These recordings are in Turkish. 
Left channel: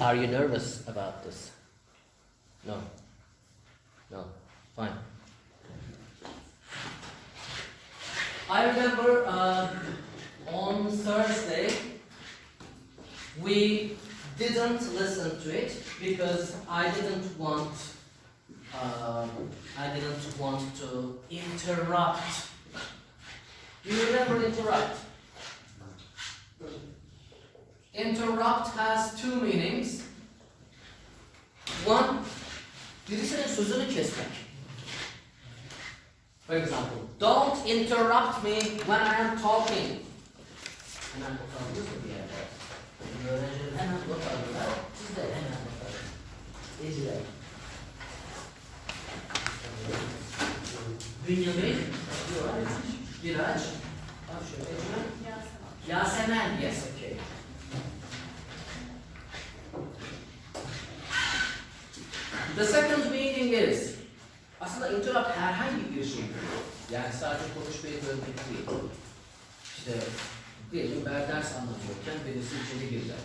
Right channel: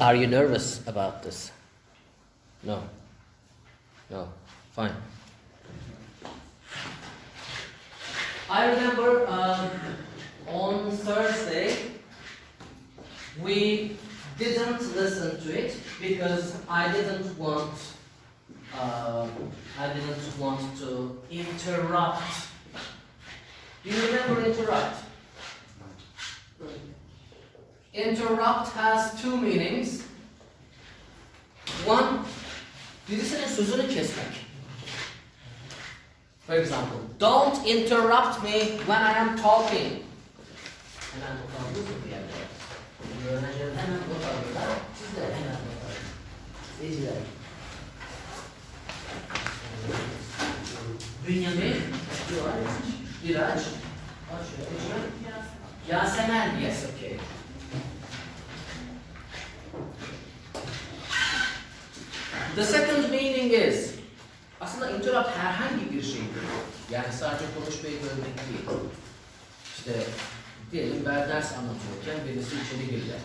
are you nervous about this? No. No. Fine. I remember on Thursday we didn't listen to it because I didn't want to interrupt. Do you remember interrupt? Interrupt has two meanings. One, birisinin sözünü kesmek. For example, don't interrupt me when I am talking. Hemen not alıyoruz bir yerde. Öğrencilerim hemen not alıyorlar. Siz de hemen not alın. İzleyin. Bünyamin, Diraç, Yasemen, yes, okay. The second meaning is, aslında interrupt herhangi bir şeydir. Yani sadece konuşmayı bölmek değil. İşte diyelim ben ders anlatıyorken birisi içeri giriyor.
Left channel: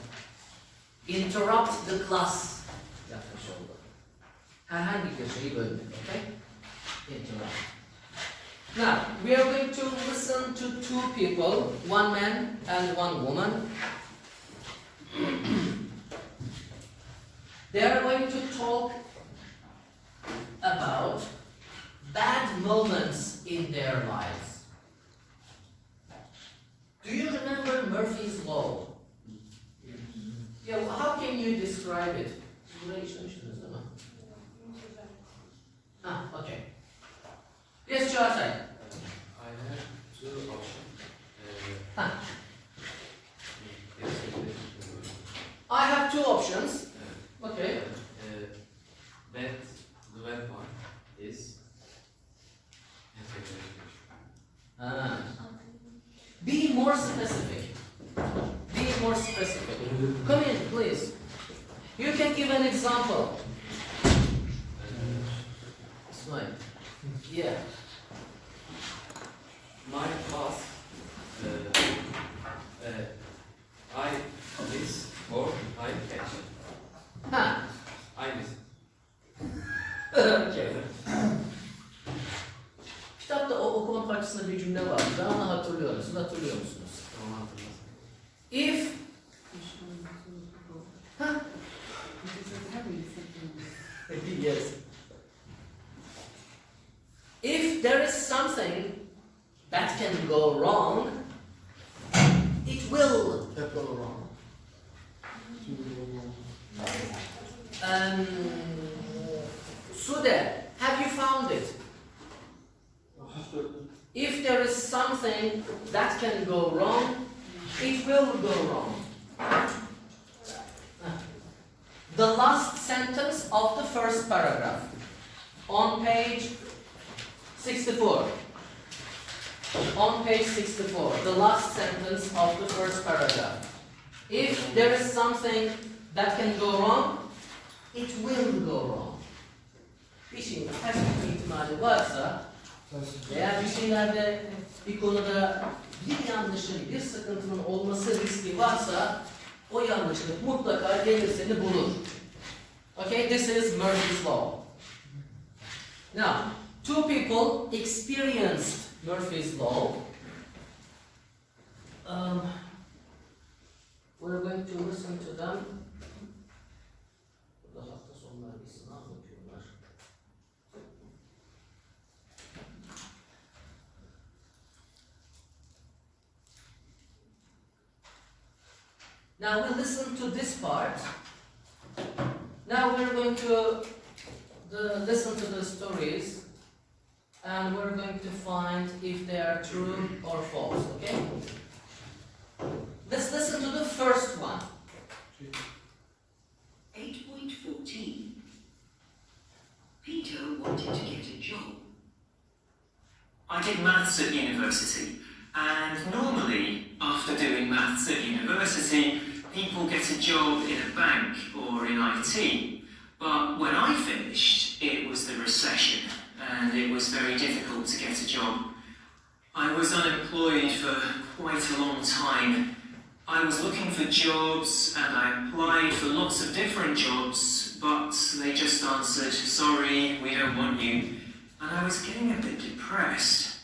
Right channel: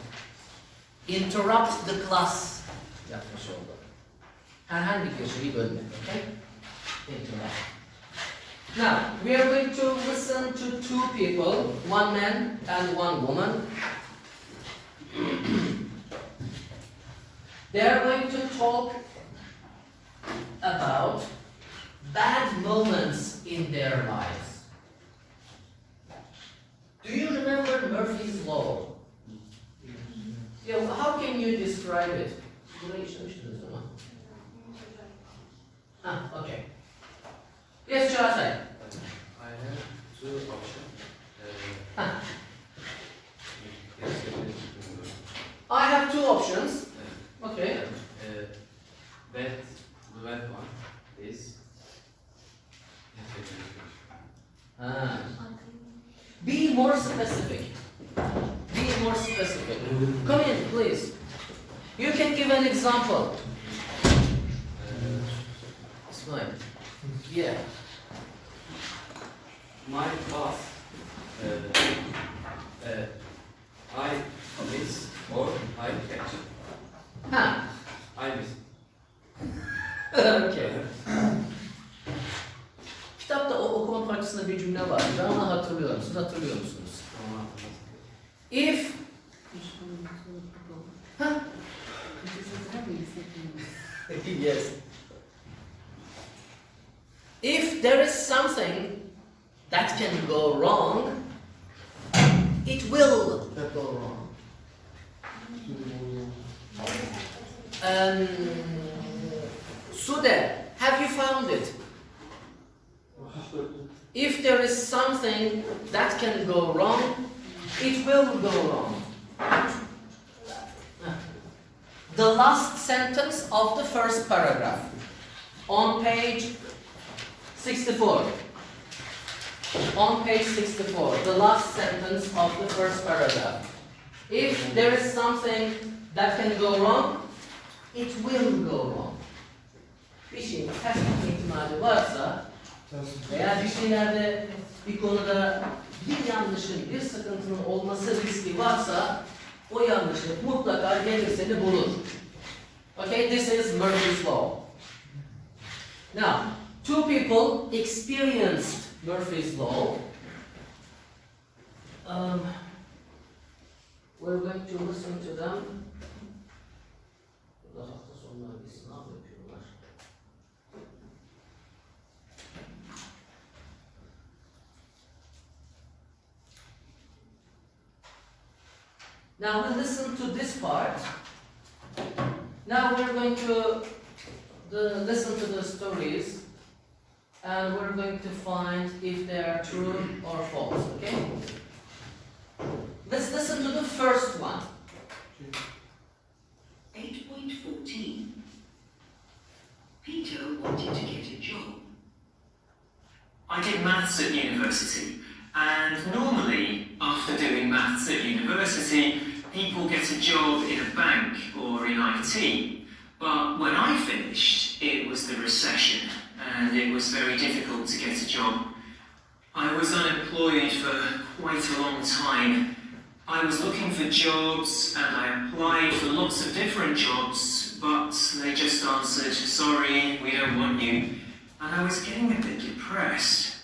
Interrupt the class yapmış oldu. Herhangi bir şeyi bölmek, okay? Interrupt. Now, we are going to listen to two people, one man and one woman. They are going to talk about bad moments in their lives. Do you remember Murphy's Law? Yeah, well, how can you describe it? Okay. Yes, Çağatay. I have two options. I have two options. Okay. The bad one is Be more specific. Be more specific. Come in, please. You can give an example. Smile. Yeah. my class. I miss or I catch. Ha. I miss. Okay. Kitapta o okuma parçasında bir cümle var. Ben onu hatırlıyorum. Siz hatırlıyor musunuz? If yes. If there is something that can go wrong, it will go wrong. Sude, have you found it? If there is something that can go wrong, it will go wrong. The last sentence of the first paragraph on page 64. On page 64, the last sentence of the first paragraph. If there is something that can go wrong, it will go wrong. Bir şeyin ters gitme ihtimali varsa veya bir şeylerde, bir konuda bir yanlışın, bir sıkıntının olması riski varsa o yanlışlık mutlaka gelir seni bulur. Okay, this is Murphy's Law. Now, two people experienced Murphy's Law. We're going to listen to them. Now we'll listen to this part. Now we're going to listen to the stories, and we're going to find if they are true or false, okay? Let's listen to the first one. 8.14. Peter wanted to get a job. I did maths at university, and normally, after doing maths at university, people get a job in a bank or in IT. But when I finished, it was the recession, and it was very difficult to get a job. I was unemployed for quite a long time, I was looking for jobs and I applied for lots of different jobs, but they just answered, sorry, we don't want you. And I was getting a bit depressed.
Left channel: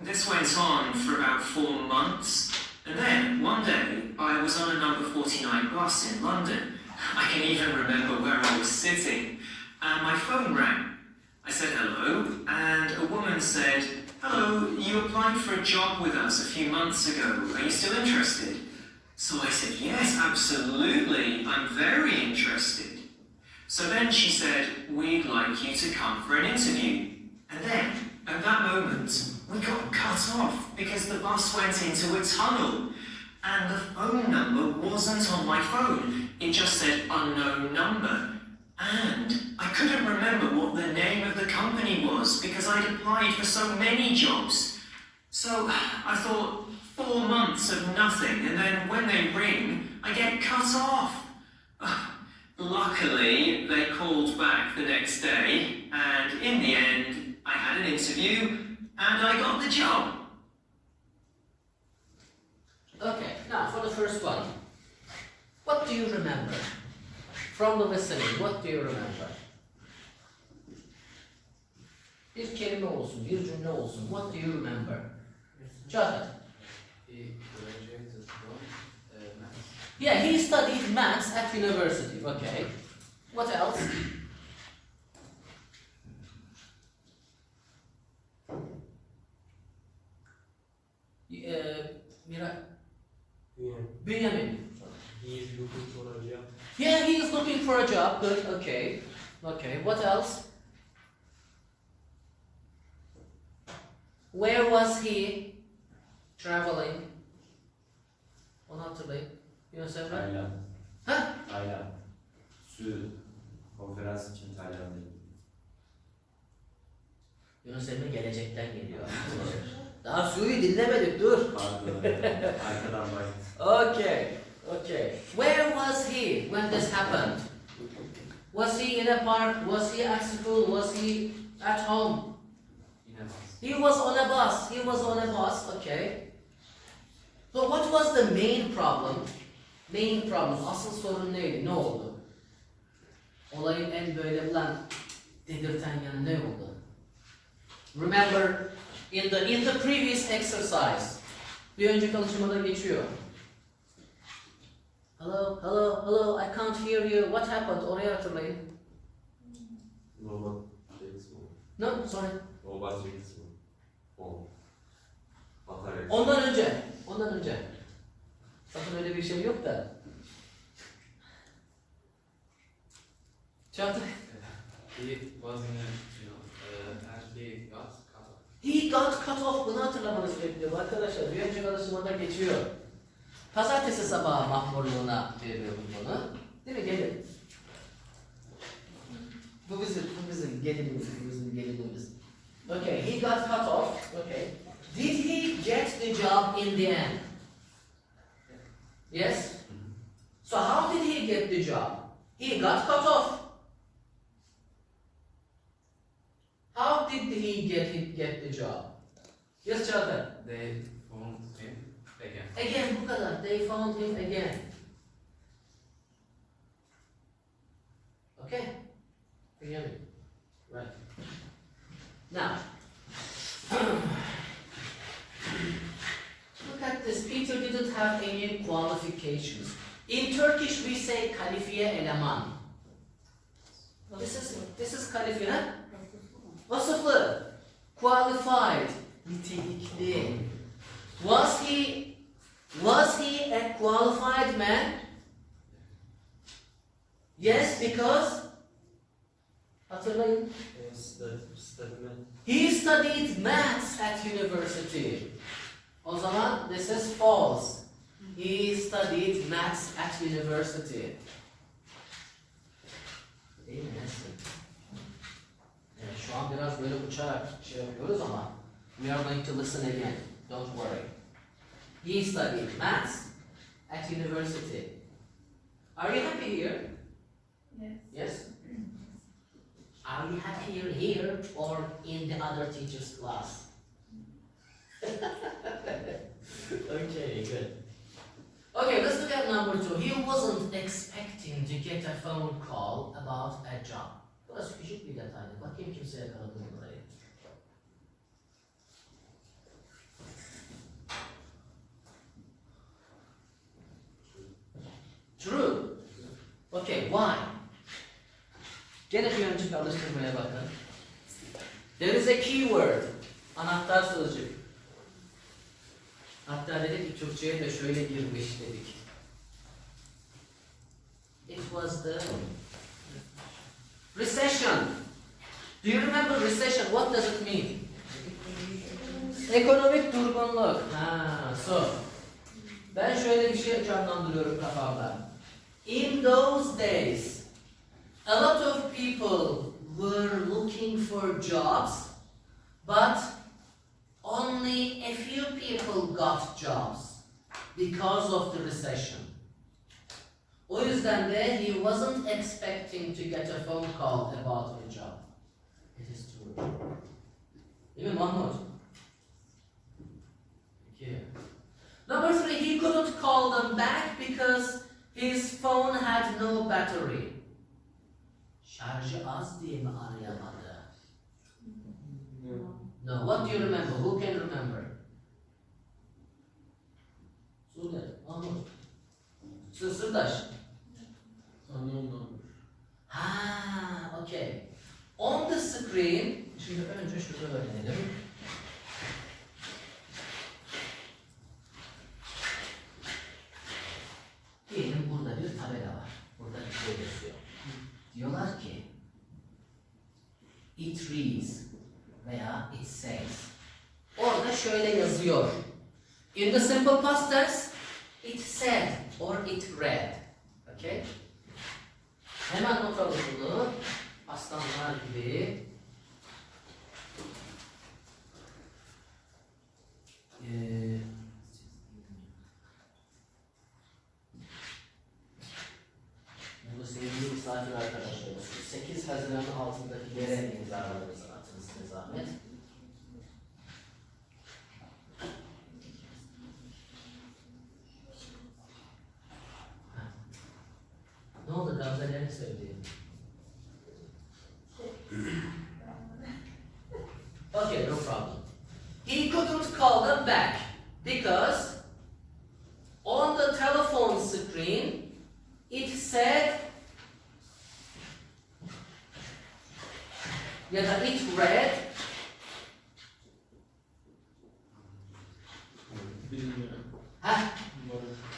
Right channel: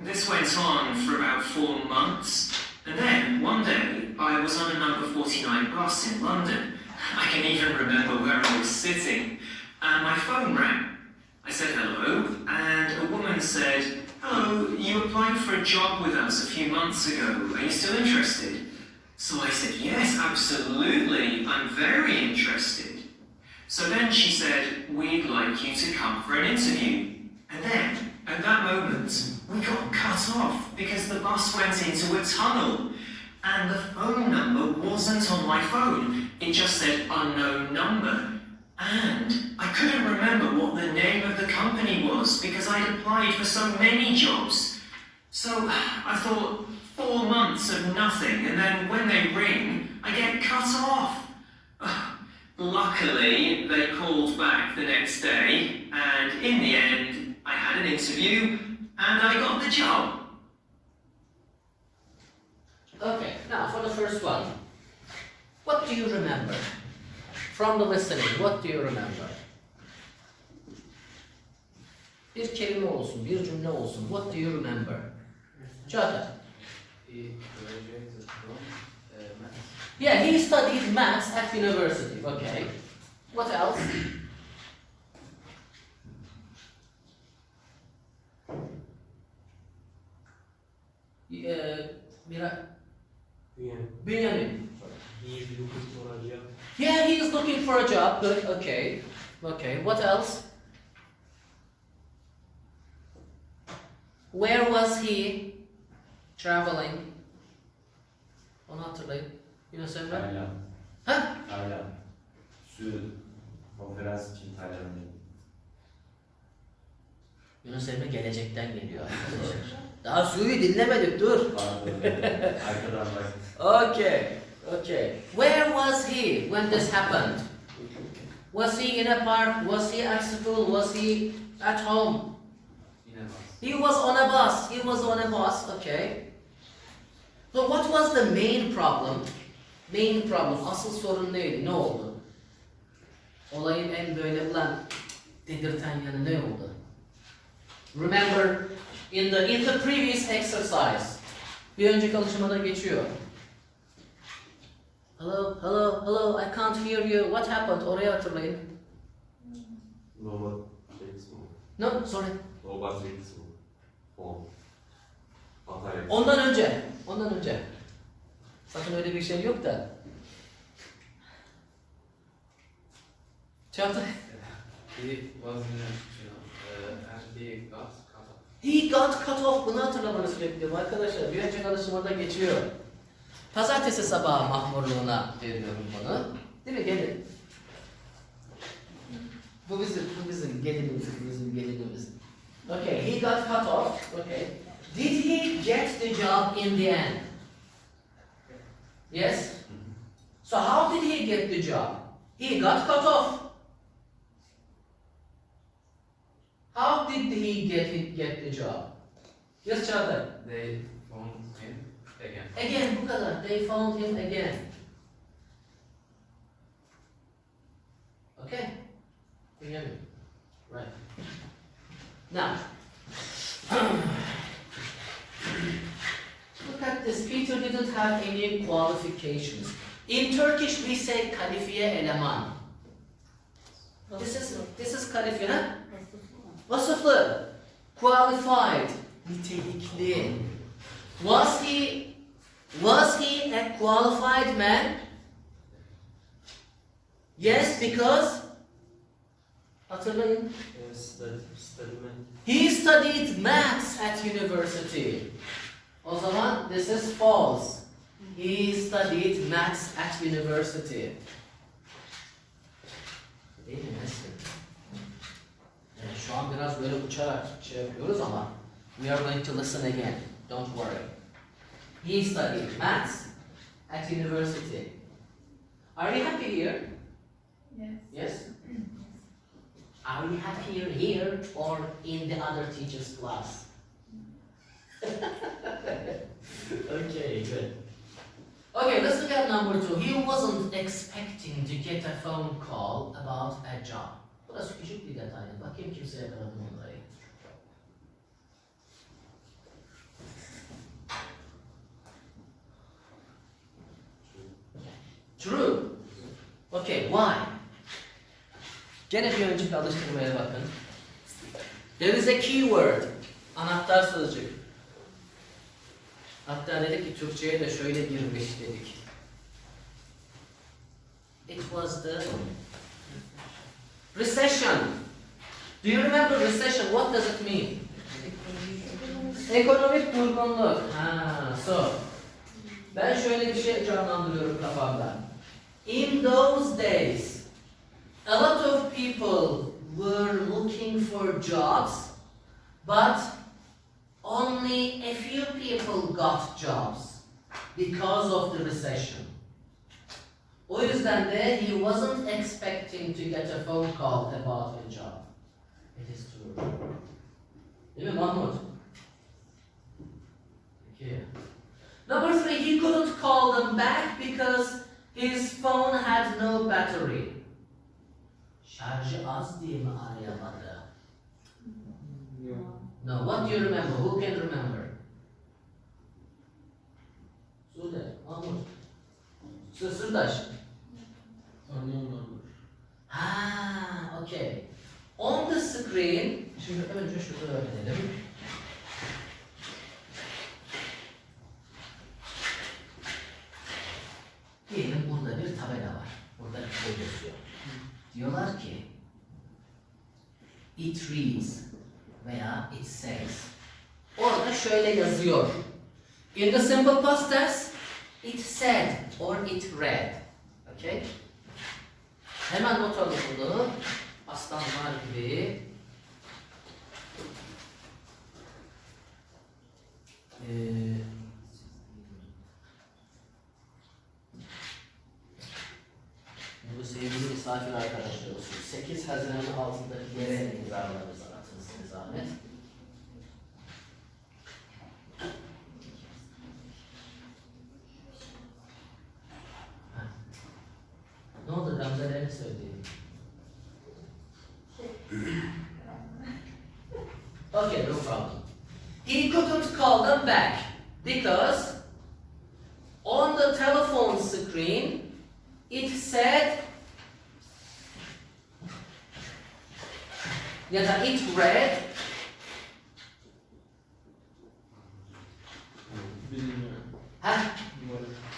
This went on for about 4 months, and then one day I was on a number 49 bus in London. I can even remember where I was sitting, and my phone rang. I said hello, and a woman said, hello, you applied for a job with us a few months ago. Are you still interested? So I said, yes, absolutely, I'm very interested. So then she said, we'd like you to come for an interview. And then, at that moment, we got cut off because the bus went into a tunnel. And the phone number wasn't on my phone. It just said unknown number. And I couldn't remember what the name of the company was because I'd applied for so many jobs. So I thought, 4 months of nothing, and then when they ring, I get cut off. Luckily, they called back the next day, and in the end, I had an interview, and I got the job. Okay, now for the first one. What do you remember? From the listening, what do you remember? Bir kelime olsun, bir cümle olsun. What do you remember? Çağatay. He graduated from maths. Yeah, he studied maths at university. Okay. What else? Benjamin. He is looking for a job. Yeah, he is looking for a job. Good. Okay. Okay. What else? Where was he traveling? Onu hatırlayın. Yunus Emre? Tayland. Ha? Tayland. Su konferans için Tayland'dayım. Yunus Emre gelecekten geliyor. Daha Su'yu dinlemedik, dur. Pardon. Arkadan bak. Okay, okay. Where was he when this happened? Was he in a park? Was he at school? Was he at home? Yine bas. He was on a bus. He was on a bus, okay. So what was the main problem? Main problem, asıl sorun neydi? Ne oldu? Olayın en böyle ulan dedirten yanı ne oldu? Remember, in the previous exercise, bir önceki alışmada geçiyor. Hello, hello, hello, I can't hear you. What happened? Orayı hatırlayın. Nobody takes more. No, sorry. Nobody takes more. Batarya. Ondan önce. Sakın öyle bir şey yok da. Çağatay. He was in and he got cut off. He got cut off. Bunu hatırlamanızı bekliyorum arkadaşlar. Bir önceki alışmada geçiyor. Pazartesi sabahı mahmurluğuna veriyorum bunu. Değil mi? Gelin. Bu bizim gelinimiz. Okay, he got cut off. Okay. Did he get the job in the end? Yes? So how did he get the job? He got cut off. How did he get the job? Yes, Çağatay. They found him again. Again, bu kadar. They found him again. Okay? Benjamin. Right. Now, look at this. Peter didn't have any qualifications. In Turkish, we say kalifiye eleman. This is kalifiye, ha? Vasıflı. Qualified. Nitelikli. Was he a qualified man? Yes, because hatırlayın. Studyman. He studied maths at university. O zaman this is false. He studied maths at university. Değil mi Nesrin? Evet, şu an biraz böyle uçarak şey yapıyoruz ama we are going to listen again. Don't worry. He studied maths at university. Are you happy here? Yes. Yes? Are you happier here or in the other teacher's class? Okay, good. Okay, let's look at number 2. He wasn't expecting to get a phone call about a job. Burası küçük bir detaydı. Bakayım kimse yakaladı mı onları. True. Okay, why? Gene bir önceki alıştırmaya bakın. There is a keyword. Anahtar sözcük. Hatta dedik ki Türkçe'ye de şöyle girmiş dedik. It was the recession. Do you remember recession? What does it mean? Ekonomik durgunluk. So. Ben şöyle bir şey canlandırıyorum kafamda. In those days, a lot of people were looking for jobs, but only a few people got jobs because of the recession. O yüzden de he wasn't expecting to get a phone call about a job. It is true. Değil mi Mahmut? Peki. Number 3, he couldn't call them back because his phone had no battery. Şarjı az diye mi arayamadı? No. What do you remember? Who can remember? Sude, Mahmut. Sırdaş. Unknown number. Okay. On the screen, şimdi önce şunu öğrenelim. Diyelim burada bir tabela var. Burada bir şey yazıyor. Diyorlar ki it reads veya it says. Orada şöyle yazıyor. In the simple past tense, it said or it read. Okay? Hemen not alalım bunu. Aslanlar gibi. Bu sevgili misafir arkadaşlar olsun. 8 Haziran altındaki yere imzalarınızı atınız size zahmet. Ne oldu Gamze'lerini sevdiğim? Okay, no problem. He couldn't call them back because on the telephone screen it said ya da it read Bilmiyorum.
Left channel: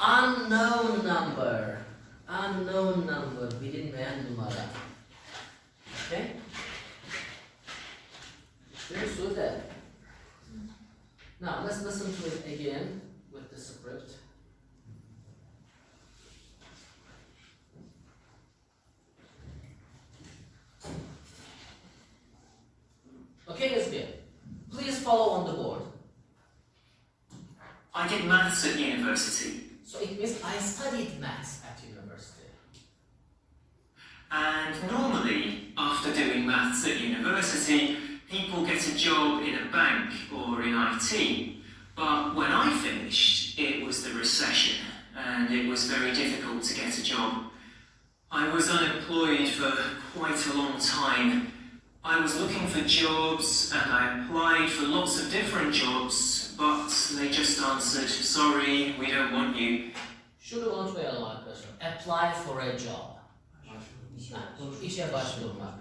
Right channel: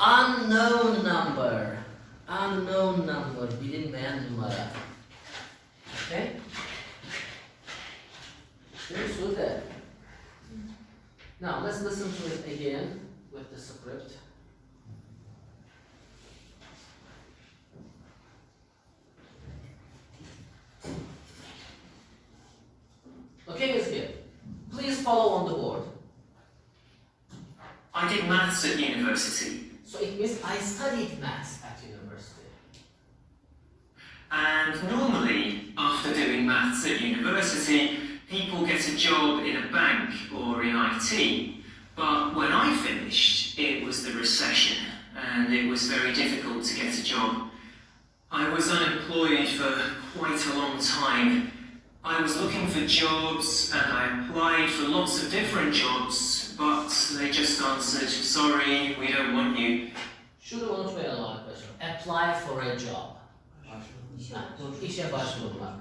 unknown number. Unknown number, bilinmeyen numara. Okay? Şimdi Sude. Now let's listen to it again with the script. Okay, Hizbiya, please follow on the board. I did maths at university, So it means I studied maths at university. and normally, after doing maths at university, people get a job in a bank or in IT. But when I finished, it was the recession, and it was very difficult to get a job. I was unemployed for quite a long time. I was looking for jobs, and I applied for lots of different jobs, but they just answered, sorry, we don't want you. Şunu unutmayalım arkadaşlar. Apply for a job. İşe başvurmak.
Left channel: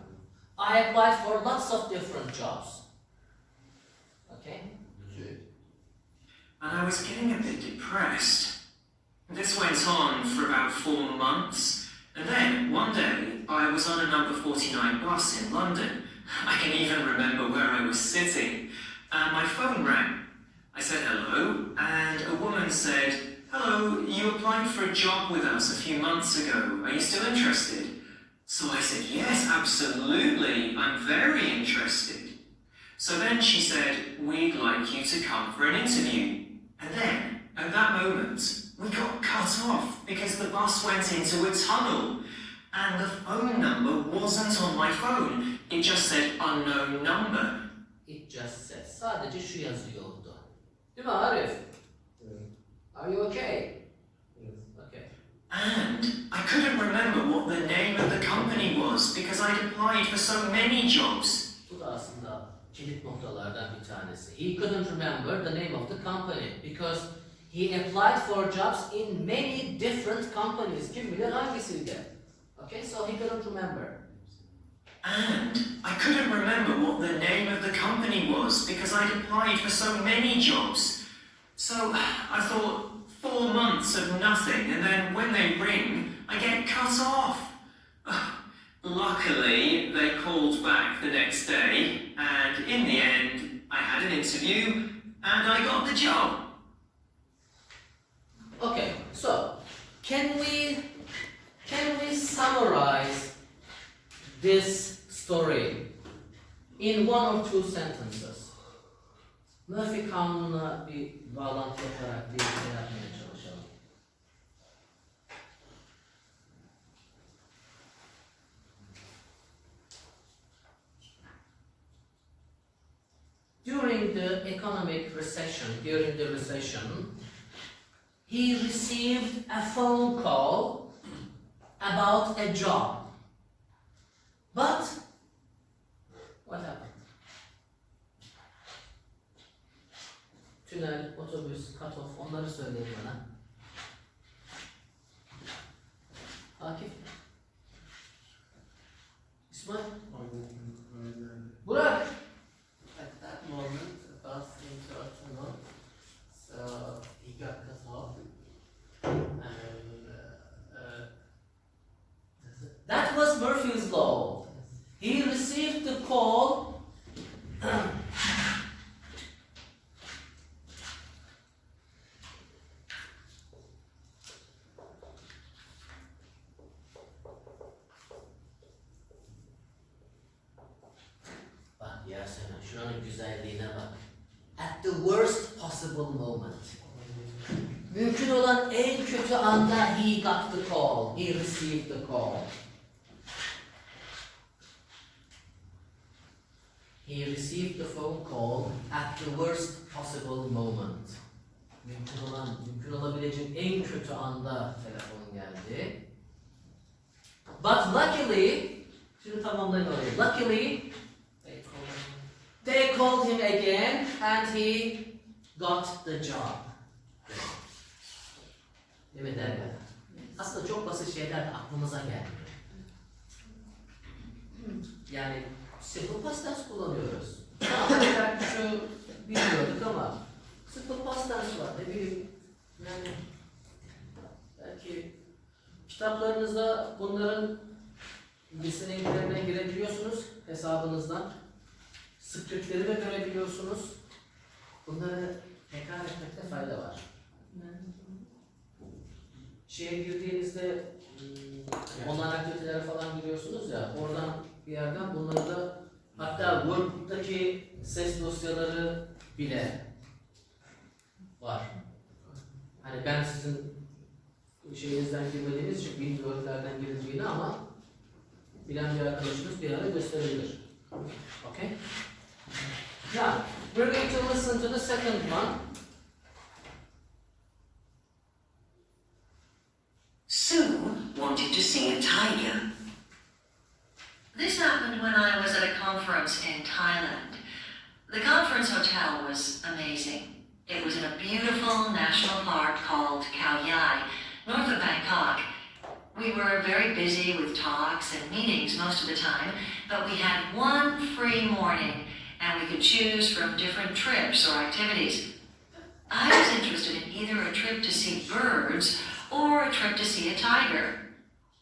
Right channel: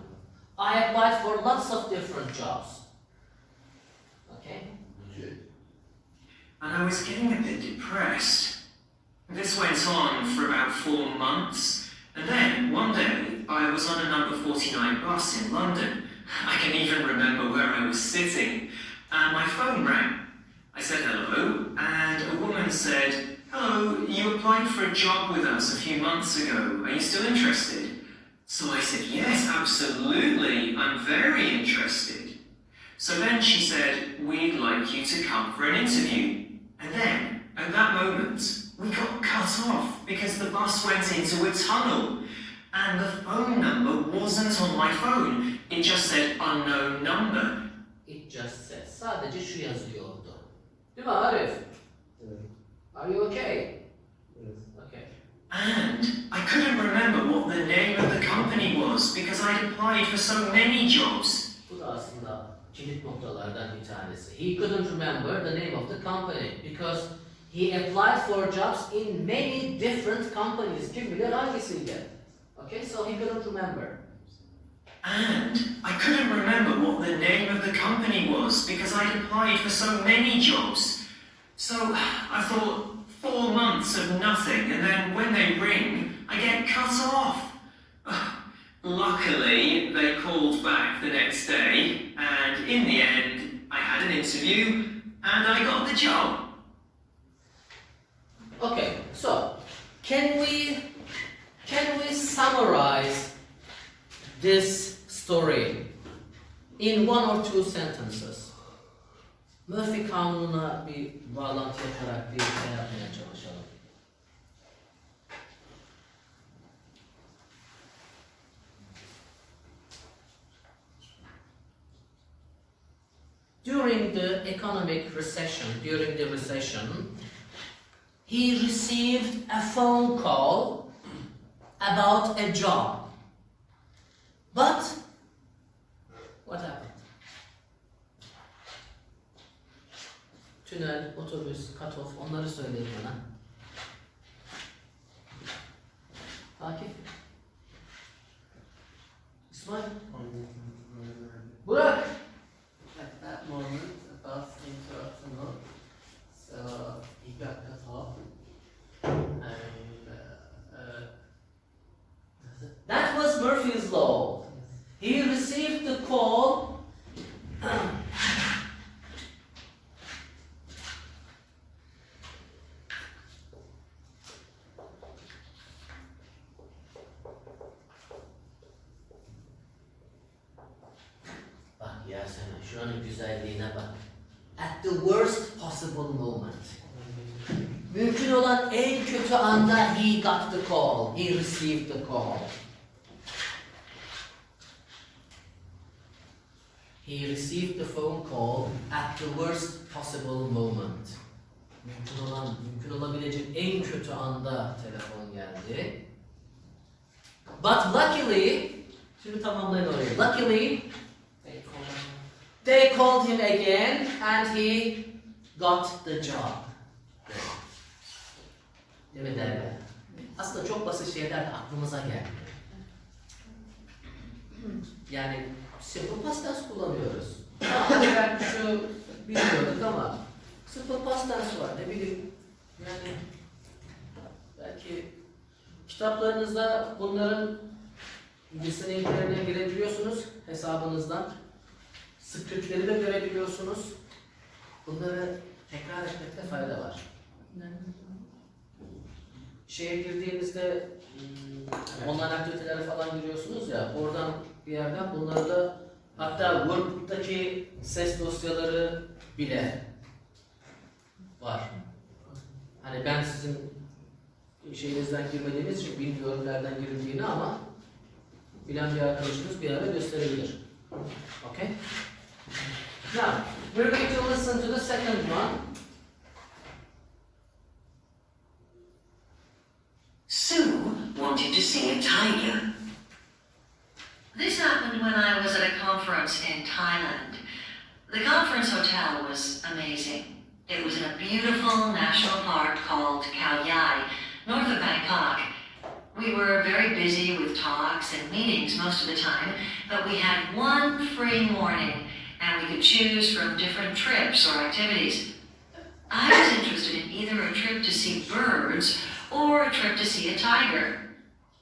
I applied for lots of different jobs. Okay? And I was getting a bit depressed. This went on for about 4 months, and then one day I was on a number 49 bus in London. I can even remember where I was sitting, and my phone rang. I said hello, and a woman said, hello, you applied for a job with us a few months ago. Are you still interested? So I said, yes, absolutely, I'm very interested. So then she said, we'd like you to come for an interview. And then, at that moment, we got cut off because the bus went into a tunnel. And the phone number wasn't on my phone. It just said unknown number. It just says. Sadece şu yazıyordu. Değil mi Arif? Evet. Are you okay? Evet. remember what the name of the company was because I'd applied for so many jobs. Bu da aslında kilit noktalardan bir tanesi. He couldn't remember the name of the company because he applied for jobs in many different companies. Kim bilir hangisiydi? Okay, so he couldn't remember. And I couldn't remember what the name of the company was because I'd applied for so many jobs. So I thought 4 months of nothing, and then when they ring, I get cut off. Luckily, they called back the next day, and in the end, I had an interview and I got the job. Okay, so can we summarize this story in 1 or 2 sentences? Murphy kanununa bir bağlantı yaparak bir şey yapmaya çalışalım. During the economic recession, he received a phone call about a job. But what happened? Tünel, otobüs, cut-off, onları söyleyin bana. Akif? İsmail? Burak? At that moment, the bus interrupted him, so he got cut off. And That was Murphy's Law. He received the call. Bak Yasemin, şuranın güzelliğine bak. At the worst possible moment. Mümkün olan en kötü anda he got the call. He received the call. He received the phone call at the worst possible moment. Mümkün olabilecek en kötü anda telefon geldi. But luckily, şimdi tamamlayın orayı. Luckily, they called him again and he got the job. Değil mi derler? Aslında çok basit şeyler de aklımıza gelmiyor. Yani simple past tense kullanıyoruz. Belki şu bilmiyorduk ama simple past tense var. Ne bileyim yani belki kitaplarınızda bunların listeneliklerine girebiliyorsunuz hesabınızdan. Skriptleri de görebiliyorsunuz. Bunları tekrar etmekte fayda var. Şeye girdiğinizde online aktivitelere falan giriyorsunuz ya, oradan bir yerden bunları da, hatta Word'daki ses dosyaları bile var. Hani ben sizin şeyinizden girmediğiniz için bilmiyorum nereden girildiğini ama bilen bir arkadaşımız bir ara gösterebilir. Okay? Now, we're going to listen to the second one. Sue wanted to see a tiger. This happened when I was at a conference in Thailand. The conference hotel was amazing. It was in a beautiful national park called Khao Yai, north of Bangkok. We were very busy with talks and meetings most of the time, but we had one free morning and we could choose from different trips or activities. I was interested in either a trip to see birds or a trip to see a tiger.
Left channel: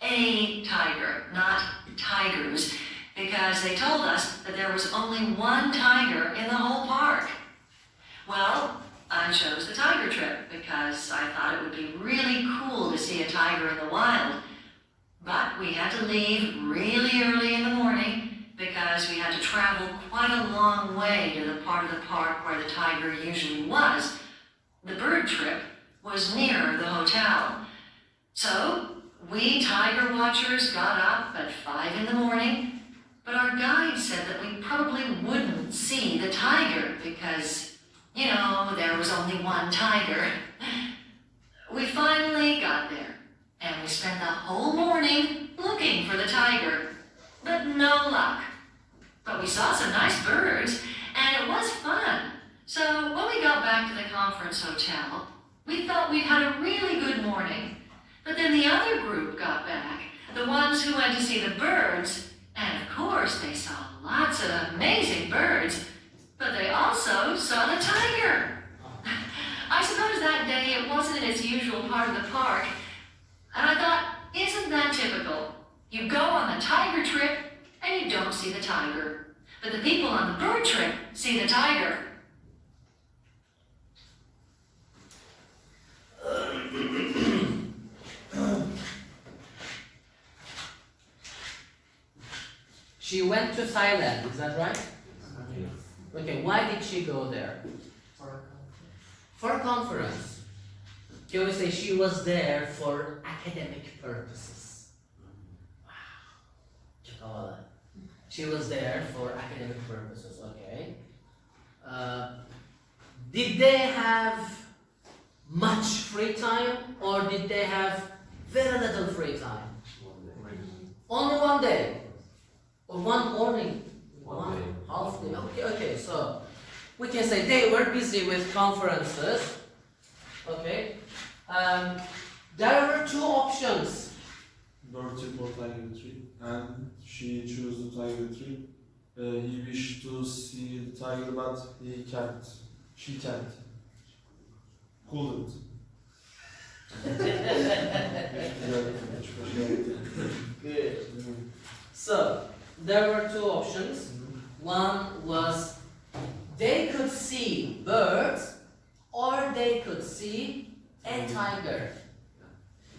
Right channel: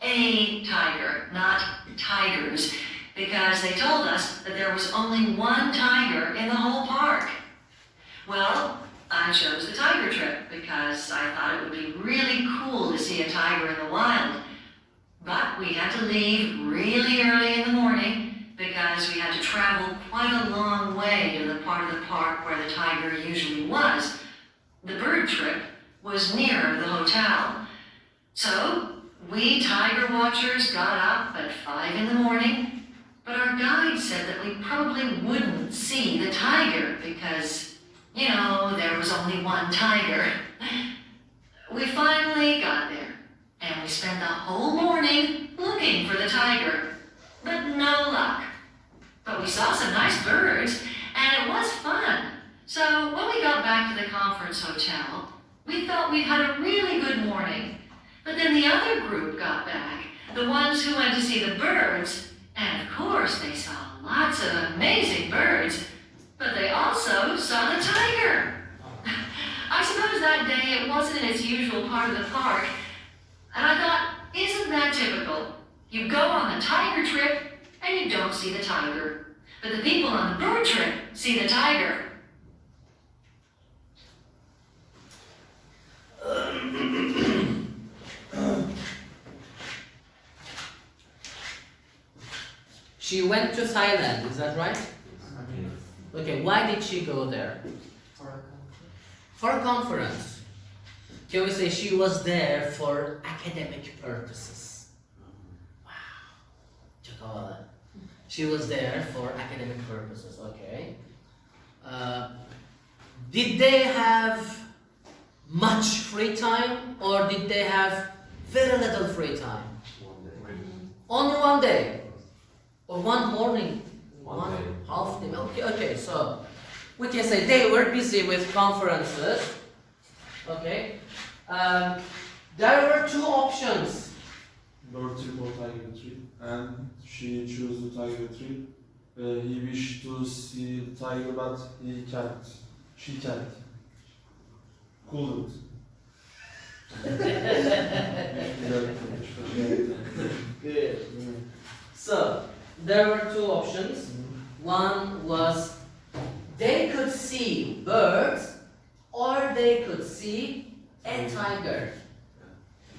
A tiger, not tigers, because they told us that there was only one tiger in the whole park. Well, I chose the tiger trip because I thought it would be really cool to see a tiger in the wild. But we had to leave really early in the morning because we had to travel quite a long way to the part of the park where the tiger usually was. The bird trip was near the hotel. So, we tiger watchers got up at 5 in the morning, but our guide said that we probably wouldn't see the tiger because, you know, there was only one tiger. We finally got there, and we spent the whole morning looking for the tiger, but no luck. But we saw some nice birds, and it was fun. So when we got back to the conference hotel, we thought we'd had a really good morning. But then the other group got back, the ones who went to see the birds, and of course they saw lots of amazing birds, but they also saw the tiger. I suppose that day it wasn't in its usual part of the park, and I thought, isn't that typical? You go on the tiger trip, and you don't see the tiger. But the people on the bird trip see the tiger. She went to Thailand, is that right? Yes. Okay, why did she go there? For a conference. Can we say she was there for academic purposes? Wow. Çok havalı. She was there for academic purposes, okay. Did they have much free time or did they have very little free time? Only one day? Or one morning? One day. Half day? Okay, so we can say they were busy with conferences. Okay. There were two options. Bird trip or tiger trip, and she chose the tiger trip. He wished to see the tiger, but he can't. She can't. Couldn't. Good. So there were two options. One was they could see birds or they could see a tiger.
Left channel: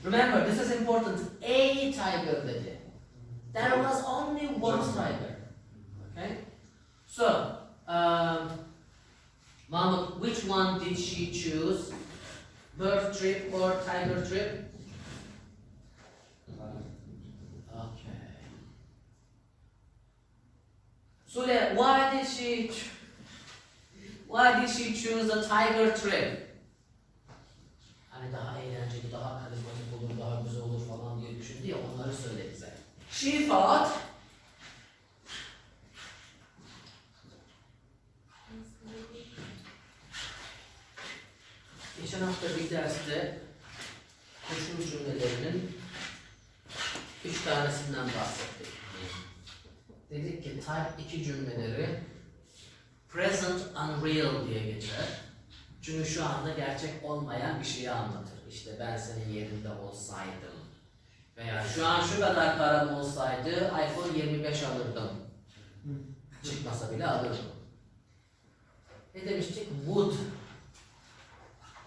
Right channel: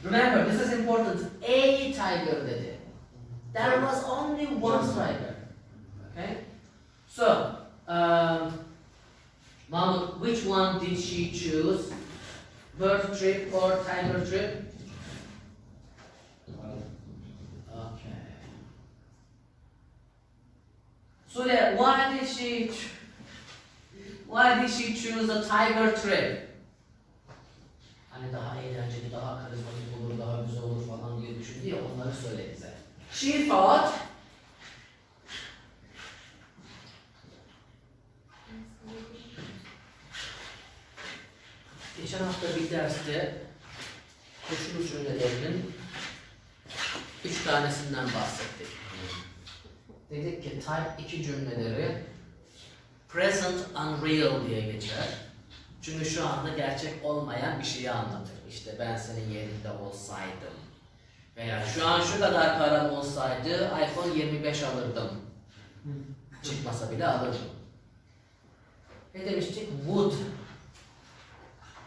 Remember, this is important. A tiger dedi. There was only one tiger. Okay? So, Mahmud, which one did she choose? Bird trip or tiger trip? Okay. So yeah, why did she choose a tiger trip? Hani daha eğlenceli, daha karizmatik olur, daha güzel olur falan diye düşündü ya, onları söyle bize. She thought geçen hafta bir derste koşul cümlelerinin 3 tanesinden bahsettik. Dedik ki type 2 cümleleri present unreal diye geçer. Çünkü şu anda gerçek olmayan bir şeyi anlatır. İşte ben senin yerinde olsaydım veya şu an şu kadar param olsaydı iPhone 25 alırdım. Çıkmasa bile alırdım. Ne demiştik? Would.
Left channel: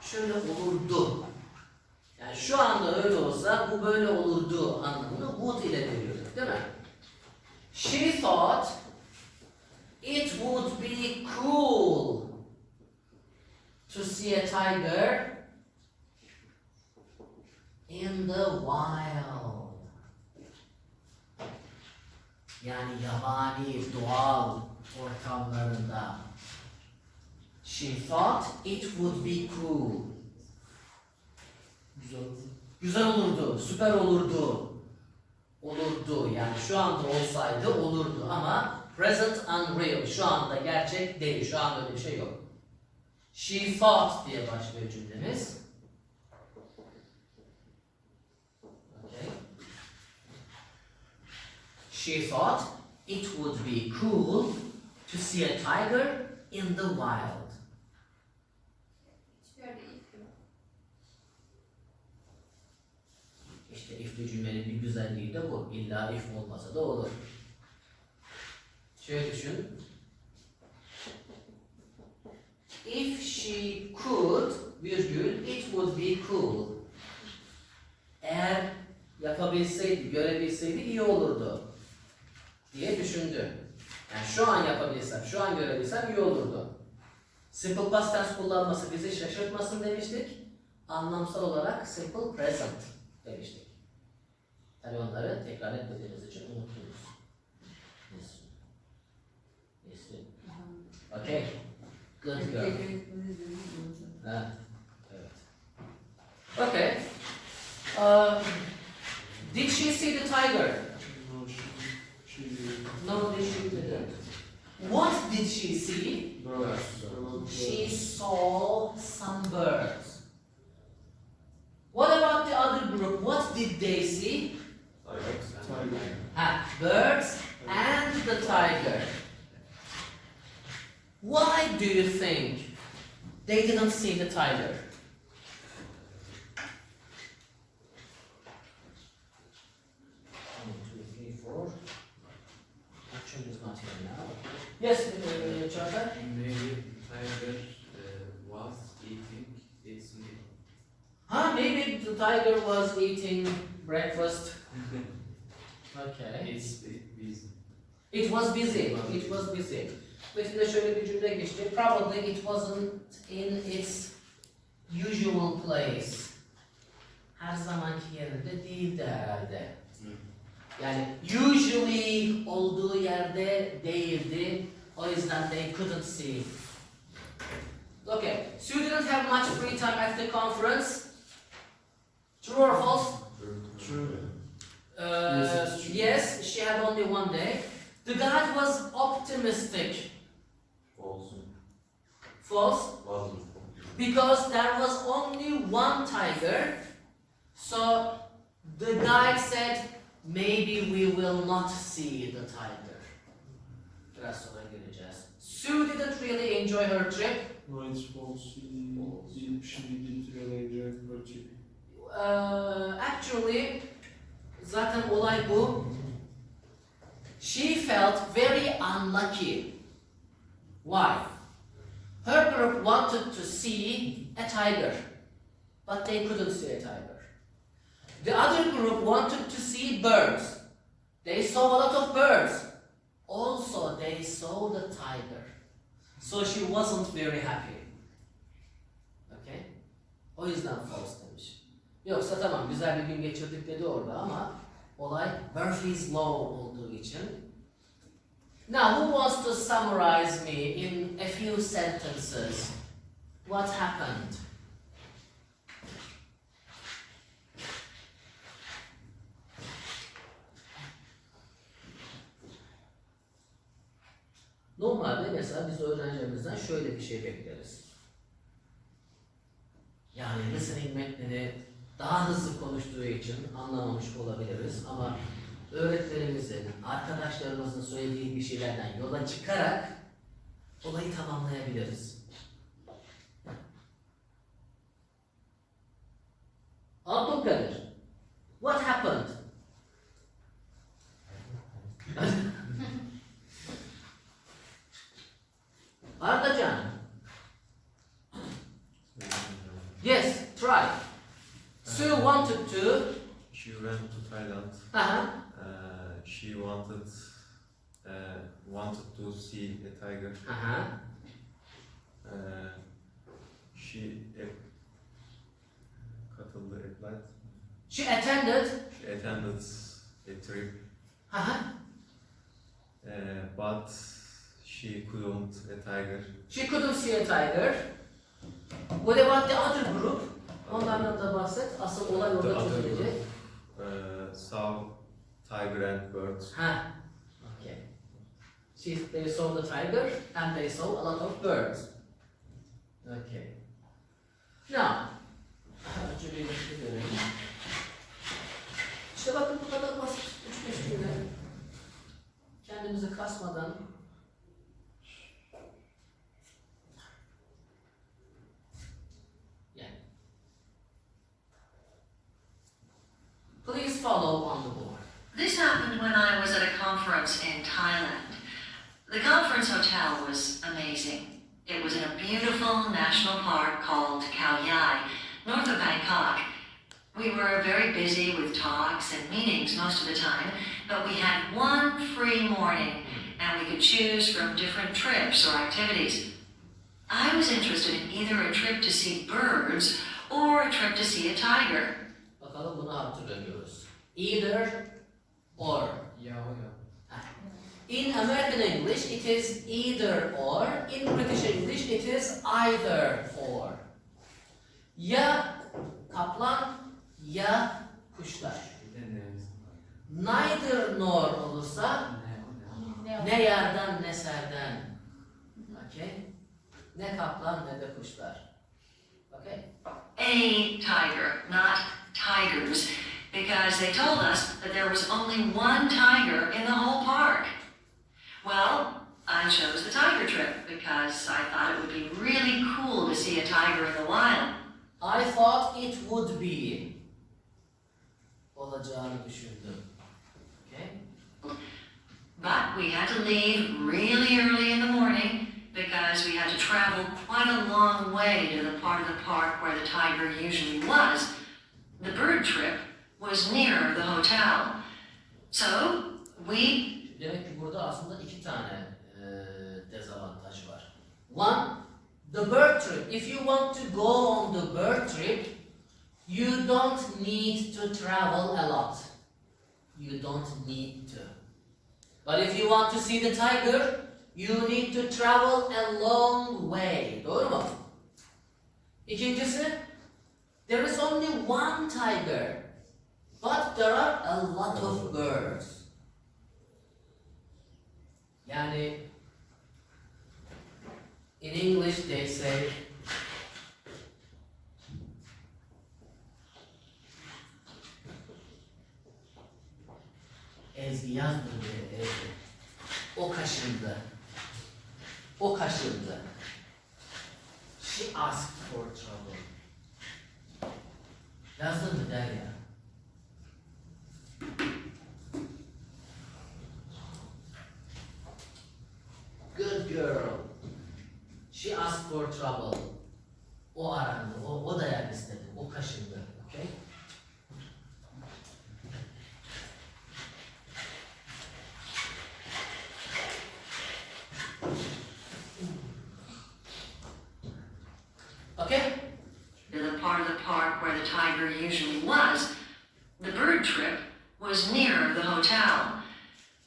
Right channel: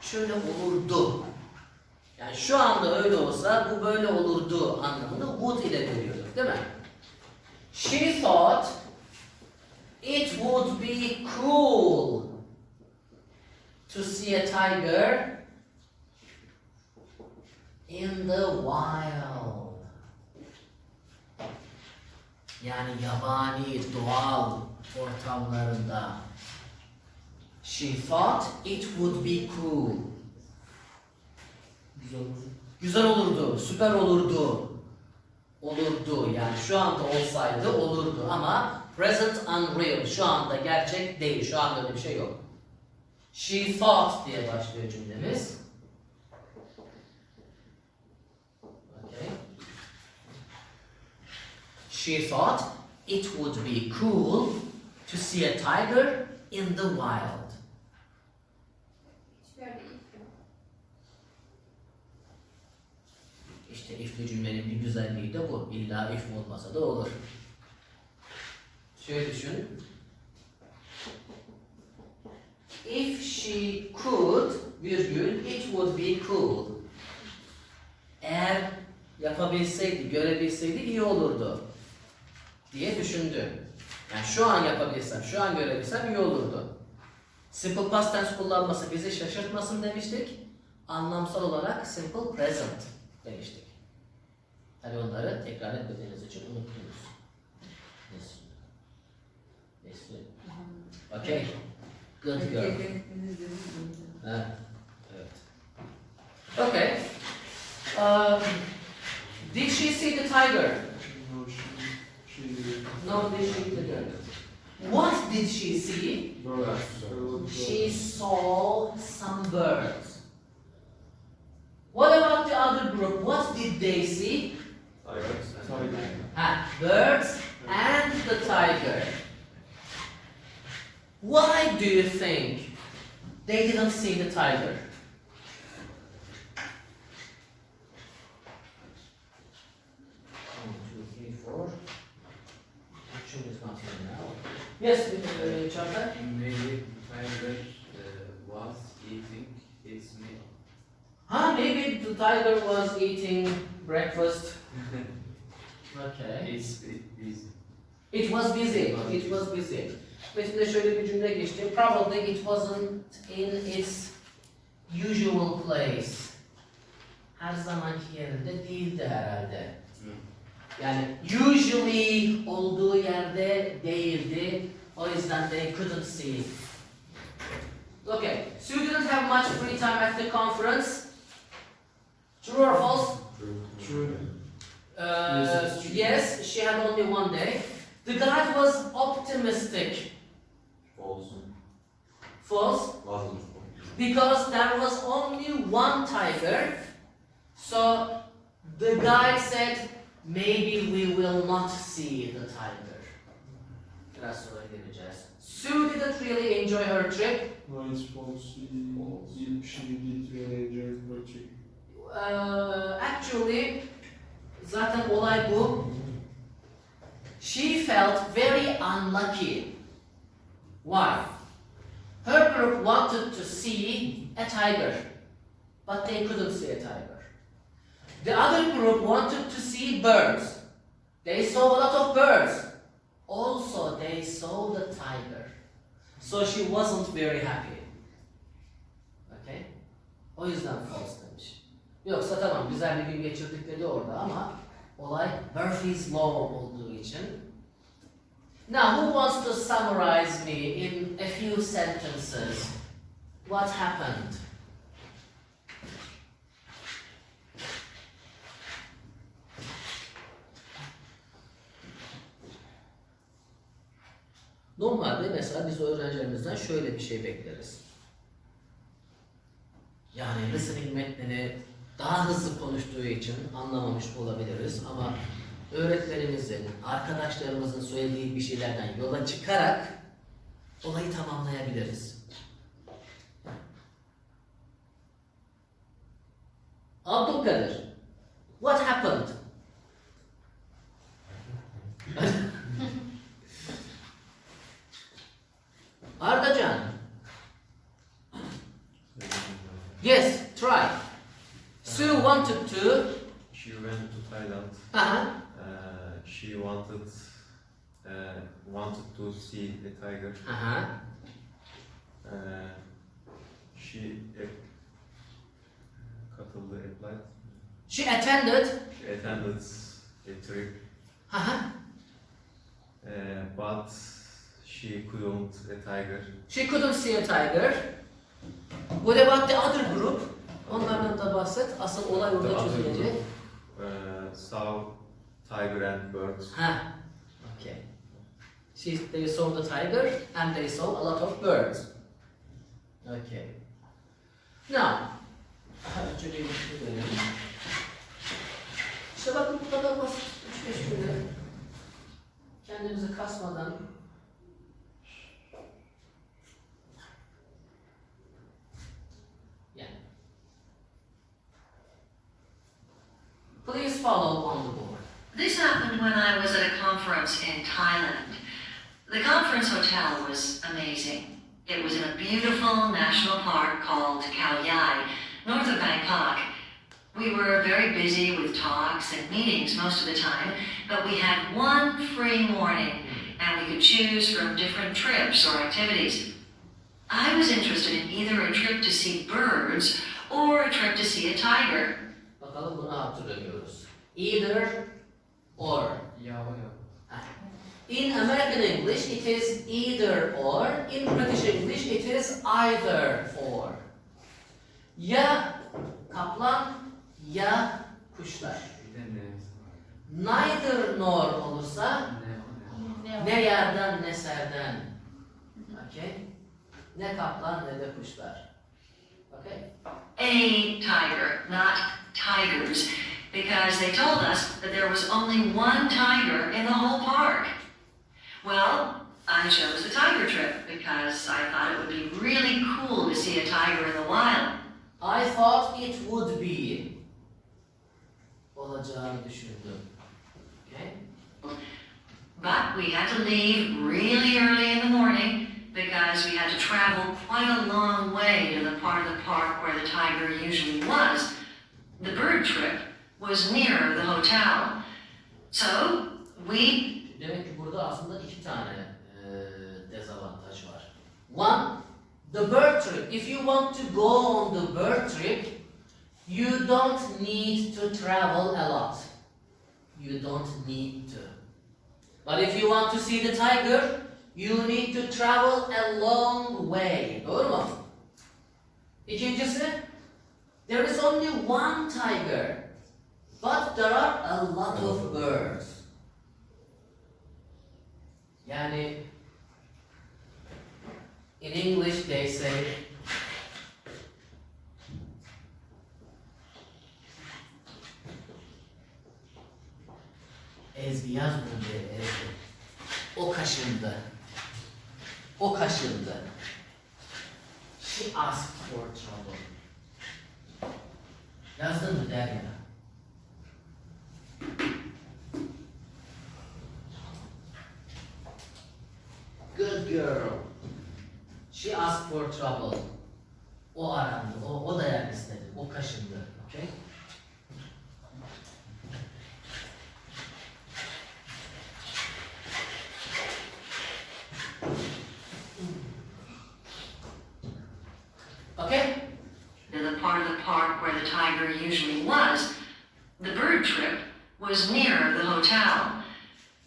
Şöyle olurdu. Yani şu anda öyle olsa bu böyle olurdu anlamını would ile veriyorduk, değil mi? She thought it would be cool to see a tiger in the wild. Yani yabani, doğal ortamlarında. She thought it would be cool. Güzel olurdu, süper olurdu. Olurdu, yani şu anda olsaydı olurdu ama present unreal, şu anda gerçek değil, şu anda öyle bir şey yok. She thought diye başlıyor cümlemiz. Okay. She thought it would be cool to see a tiger in the wild. İşte if'li cümlenin bir güzelliği de bu. İlla if olmasa da olur. Şöyle düşün. If she could, virgül, it would be cool. Eğer yapabilseydi, görebilseydi iyi olurdu diye düşündü. Yani şu an yapabilsem, şu an görebilsem iyi olurdu. Simple past tense kullanması bizi şaşırtmasın demiştik. Anlamsal olarak simple present demiştik. Hani onları tekrar etmediğiniz için unuttunuz. Nesli. Okay. Good girl. Ha, evet. Okay. Did she see the tiger? No, she No, she didn't. What did she see? She saw some birds. What about the other group? What did they see? Birds and the tiger. Why do you think they didn't see the tiger? 1, 2, 3, 4. Actually, it's not here now. Yes, Çağatay? Maybe tiger was eating its meal. Maybe the tiger was eating breakfast. Okay. It's busy. It was busy. It was busy. Metinde şöyle bir cümle geçti. Probably it wasn't in its usual place. Her zamanki yerinde değildi herhalde. Yani usually olduğu yerde değildi. O yüzden they couldn't see. Okay. So you didn't have much free time at the conference. True or false? True. Yes, she had only one day. The guide was optimistic. False. Because there was only one tiger. So the guide said, maybe we will not see the tiger. Biraz sonra geleceğiz. Sue didn't really enjoy her trip. No, it's false. She did really enjoy her trip. Actually, zaten olay bu. She felt very unlucky. Why? Her group wanted to see a tiger, but they couldn't see a tiger. The other group wanted to see birds. They saw a lot of birds. Also, they saw the tiger. So she wasn't very happy. Okay? O yüzden false demiş. Yoksa tamam güzel bir gün geçirdik dedi orada ama olay Murphy's Law olduğu için. Now, who wants to summarize me in a few sentences what happened? Normalde mesela biz öğrencilerimizden şöyle bir şey bekleriz. Yani listening metnini daha hızlı konuştuğu için anlamamış olabiliriz ama öğretmenimizin, arkadaşlarımızın söylediği bir şeylerden yola çıkarak olayı tamamlayabiliriz. Abdülkadir, what happened? Ardacan, yes, try. Sue wanted to. She went to Thailand. Uh-huh. She wanted to see a tiger. Uh-huh. She applied. She attended. She attended a trip, Uh-huh. but she couldn't a tiger. She couldn't see a tiger. What about the other group? Onlardan da bahset. Asıl olay The orada other çözülecek. group saw tiger and birds. Ha. Okay. They saw the tiger and they saw a lot of birds. Okay. Now, önce bir şey verelim. İşte bakın bu kadar basit. 3-5 cümle. Kendimizi kasmadan. Yani. Please follow on the board. This happened when I was at a conference in Thailand. The conference hotel was amazing. It was in a beautiful national park called Khao Yai, north of Bangkok. We were very busy with talks and meetings most of the time, but we had one free morning and we could choose from different trips or activities. I was interested in either a trip to see birds or a trip to see a tiger. Bakalım bunu hatırlıyoruz. Either or. In American English, it is either or. In British English, it is either or. Ya kaplan ya kuşlar. Bir de Neither nor olursa ne yerden ne serden. Okay? Ne kaplan ne de kuşlar. Okay? A tiger, not tigers, because they told us that there was only one tiger in the whole park. Well, I chose the tiger trip because I thought it would be really cool to see a tiger in the wild. I thought it would be. Olacağını düşündüm. Okay? But we had to leave really early in the morning because we had to travel quite a long way to the part of the park where the tiger usually was. The bird trip was near the hotel. So we Demek ki burada aslında iki tane dezavantaj var. One, the bird trip. If you want to go on the bird trip, you don't need to travel a lot. You don't need to. But if you want to see the tiger, you need to travel a long way. Doğru mu? İkincisi, there is only one tiger, but there are a lot of birds. Yani, in English they say, Ezgi yazmıyor diye Ezgi. O kaşındı. O kaşındı. She asked for trouble. Yazdın mı Derya? Good girl. She asked for trouble. O arandı. O dayak istedi. O kaşındı. Okay? Okay? to the part of the park where the tiger usually was. The bird trip was near the hotel.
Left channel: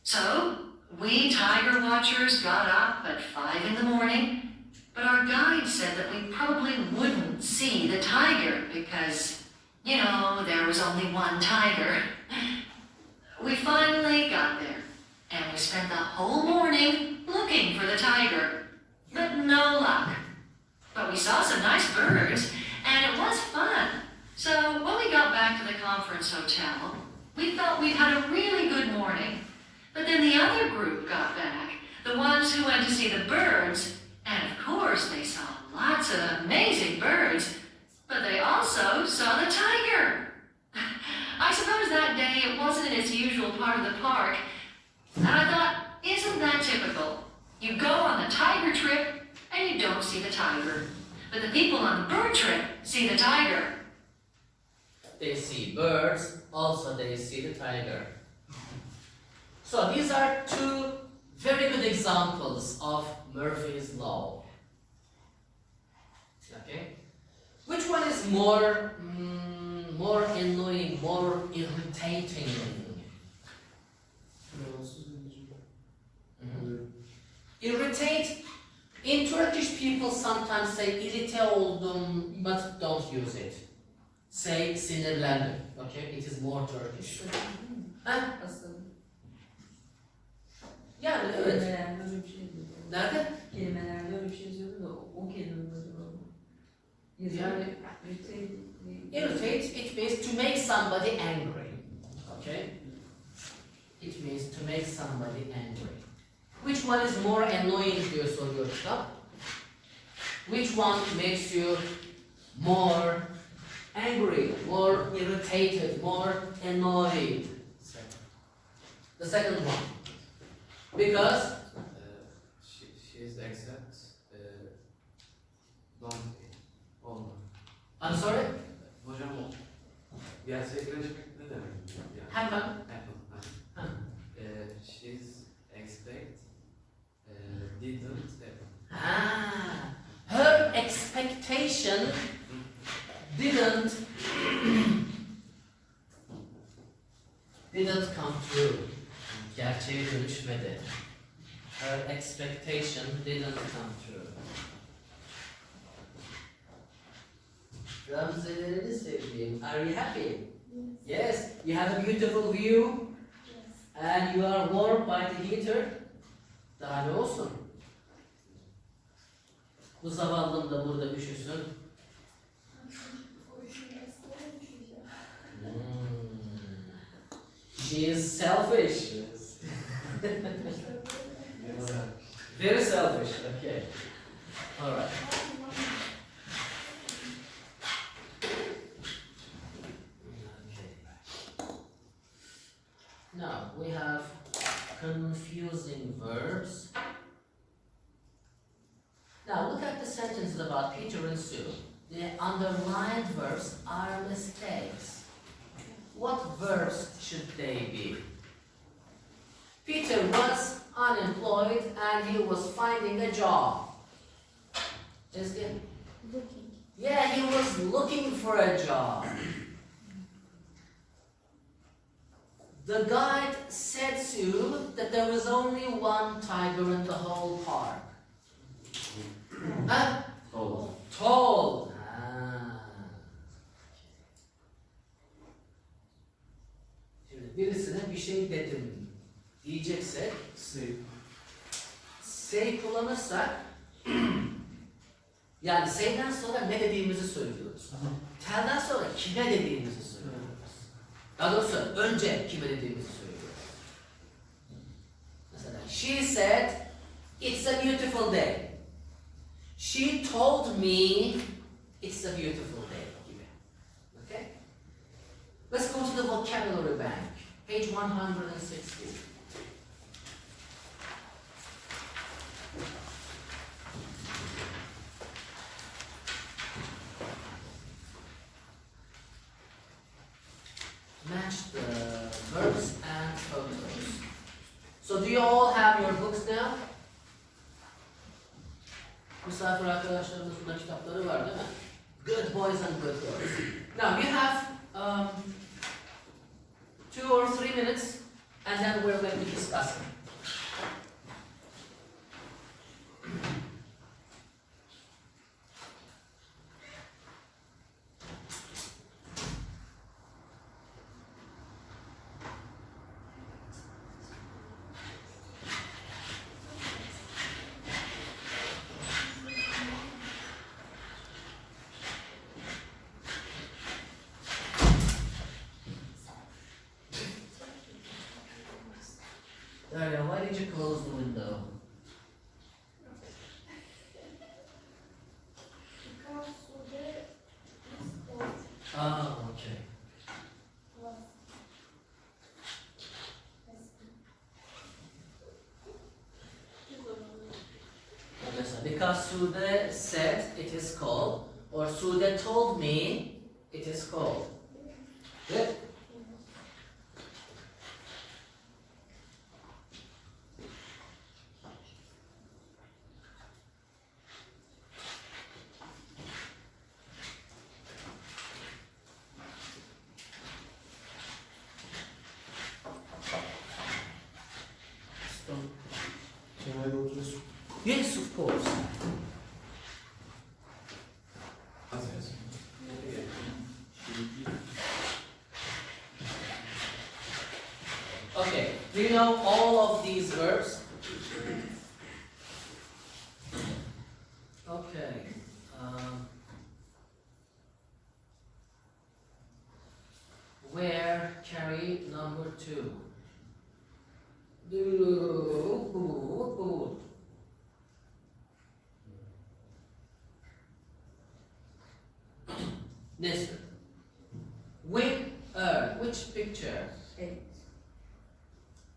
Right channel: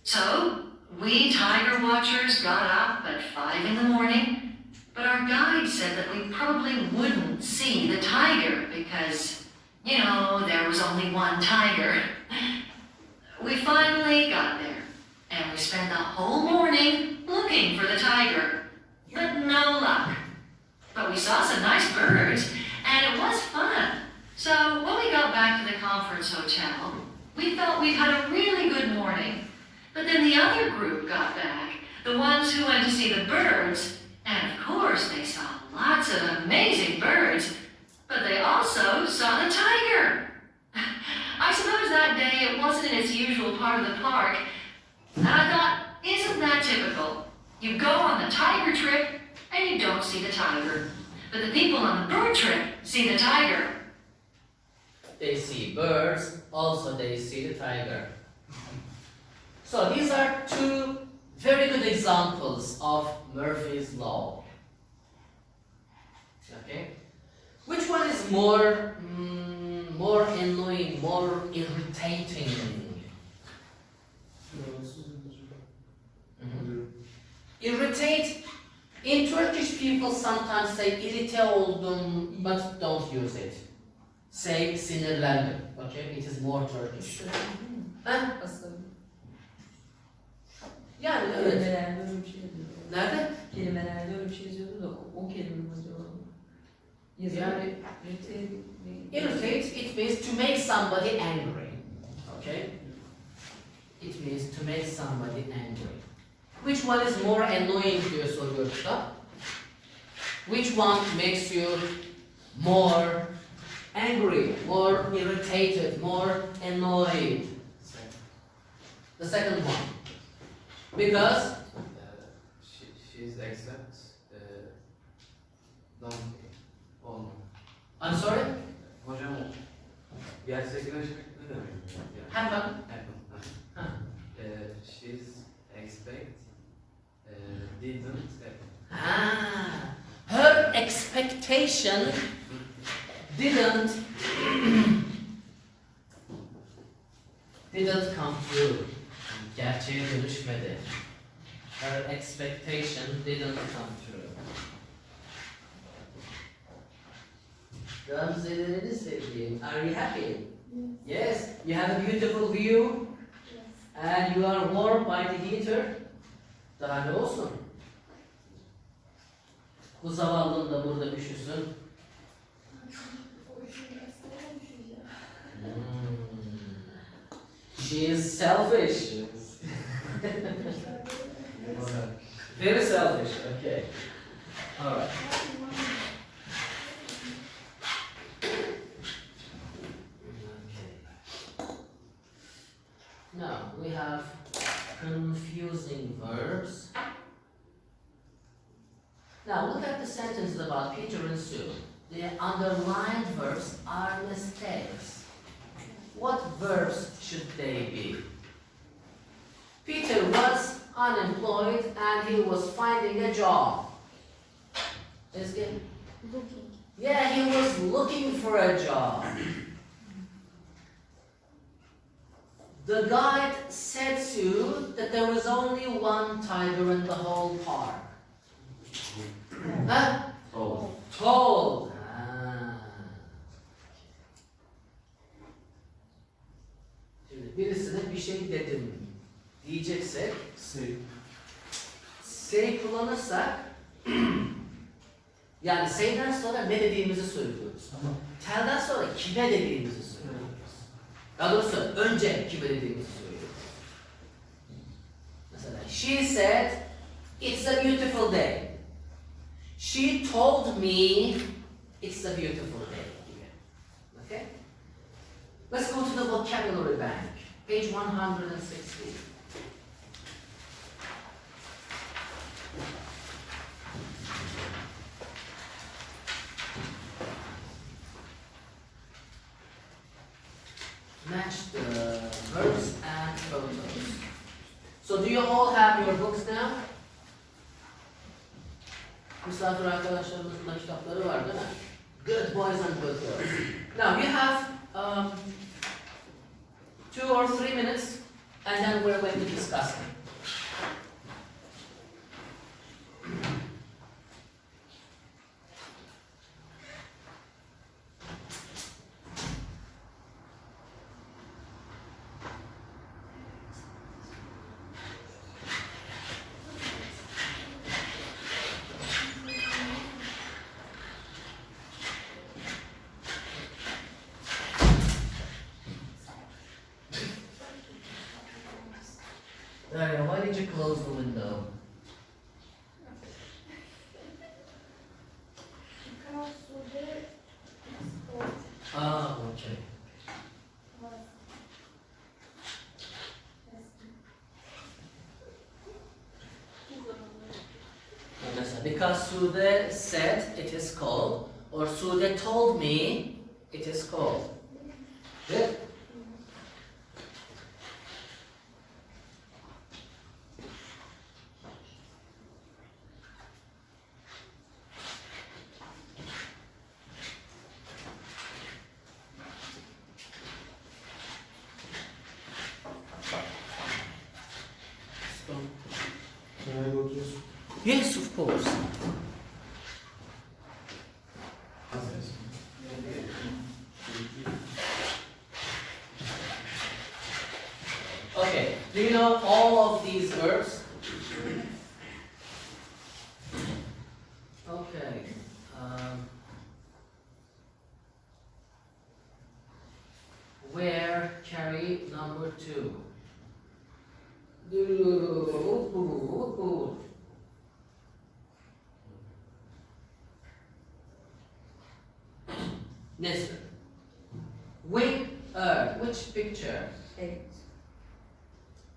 So we tiger watchers got up at 5 in the morning, but our guide said that we probably wouldn't see the tiger because, you know, there was only one tiger. We finally got there, and we spent the whole morning looking for the tiger, but no luck. But we saw some nice birds, and it was fun. So when we got back to the conference hotel, we felt we'd had a really good morning. But then the other group got back, the ones who went to see the birds, and of course they saw lots of amazing birds, but they also saw the tiger. I suppose that day it wasn't in its usual part of the park, and I thought, isn't that typical? You go on the tiger trip, and you don't see the tiger. But the people on the bird trip see the tiger. They see birds, also they see the tiger. So these are two very good examples of Murphy's Law. Okay? Which one is more annoying, more irritating? Irritate. In Turkish, people sometimes say irite oldum, but don't use it. Say sinirlendim. Okay, it is more Turkish. Ha? Yani evet. Kelimelerde öyle bir şey yazıyordu. Nerede? Kelimelerde öyle bir şey yazıyordu da o kelime mi acaba? Yani Irritate. irritate, it means to make somebody angry. Okay? It means to make somebody angry. Which one is more annoying diyor soruyorsa? Which one makes you more angry, more irritated, more annoyed? The second one. Because She's accept don't olma. I'm sorry? Hocam o gerçekleşmek ne demek? Yani, Happen. happen. Ha. She's expect didn't happen. Ah, her expectation didn't come true. Gerçeğe dönüşmedi. Her expectation didn't come true. Gamze'leri sevdiğim. Are you happy? Yes. You have a beautiful view. And you are warmed by the heater. Daha ne olsun? Bu zavallım da burada üşüsün. She is selfish. Very selfish. Okay. All right. Okay. Now we have confusing verbs. Now look at the sentences about Peter and Sue. The underlined verbs are mistakes. What verbs should they be? Peter was unemployed and he was finding a job. Is it? Looking. Yeah, he was looking for a job. The guide said to that there was only one tiger in the whole park. Huh? Told. Şimdi birisine bir şey dedim diyeceksek say kullanırsak yani say'den sonra ne dediğimizi söylüyoruz. Tell'den sonra kime dediğimizi söylüyoruz. Daha doğrusu önce kime dediğimizi söylüyoruz. Mesela she said it's a beautiful day. She told me it's a beautiful day. Okay? Let's go to the vocabulary bank. Page 160. Match the verbs and photos. So do you all have your books now? Misafir arkadaşlarımızın da kitapları var değil mi? Good boys and good girls. Now you have 2 or 3 minutes and then we're going to discuss them. Daria, why did you close the window? Because today is cold. Ah, okay. Because Sude said it is cold, or Sude told me it is cold. Good. Can I go to this? Yes, of course. Okay, do you know all of these verbs? Okay. Where carry number 2? Listen. Which picture? 8.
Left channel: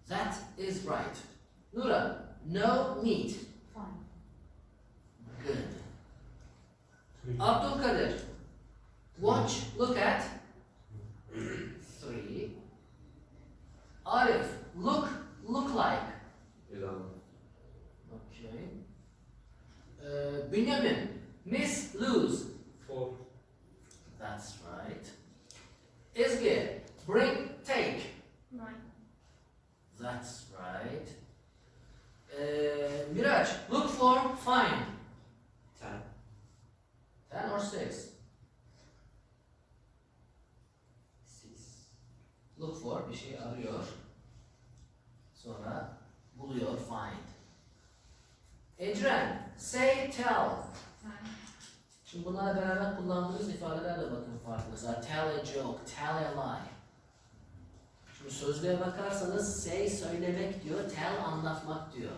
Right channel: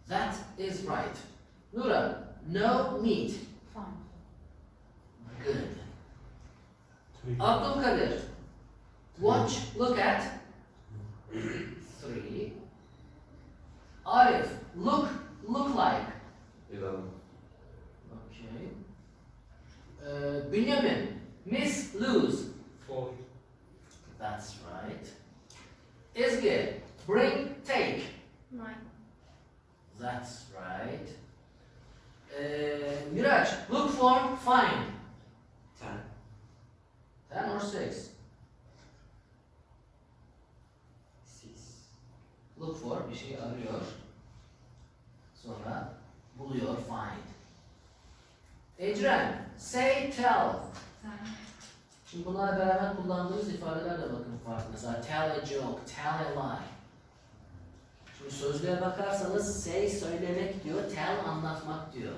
That is right. Nura, no meat. Fine. Good. Abdul Kadir, watch, look at 3. Arif, look like. 11. Okay. Benjamin, miss, lose. 4. That's right. Izgi, bring, take. 9. That's right. Miraj, look for, find. 10. 10 or 6? 6. Look for, bir şey arıyor. Sonra buluyor, find. Ecren, say, tell. Şimdi bunlarla beraber kullandığımız ifadeler de bakın farklı. Mesela tell a joke, tell a lie. Şimdi sözlüğe bakarsanız say söylemek diyor, tell anlatmak diyor.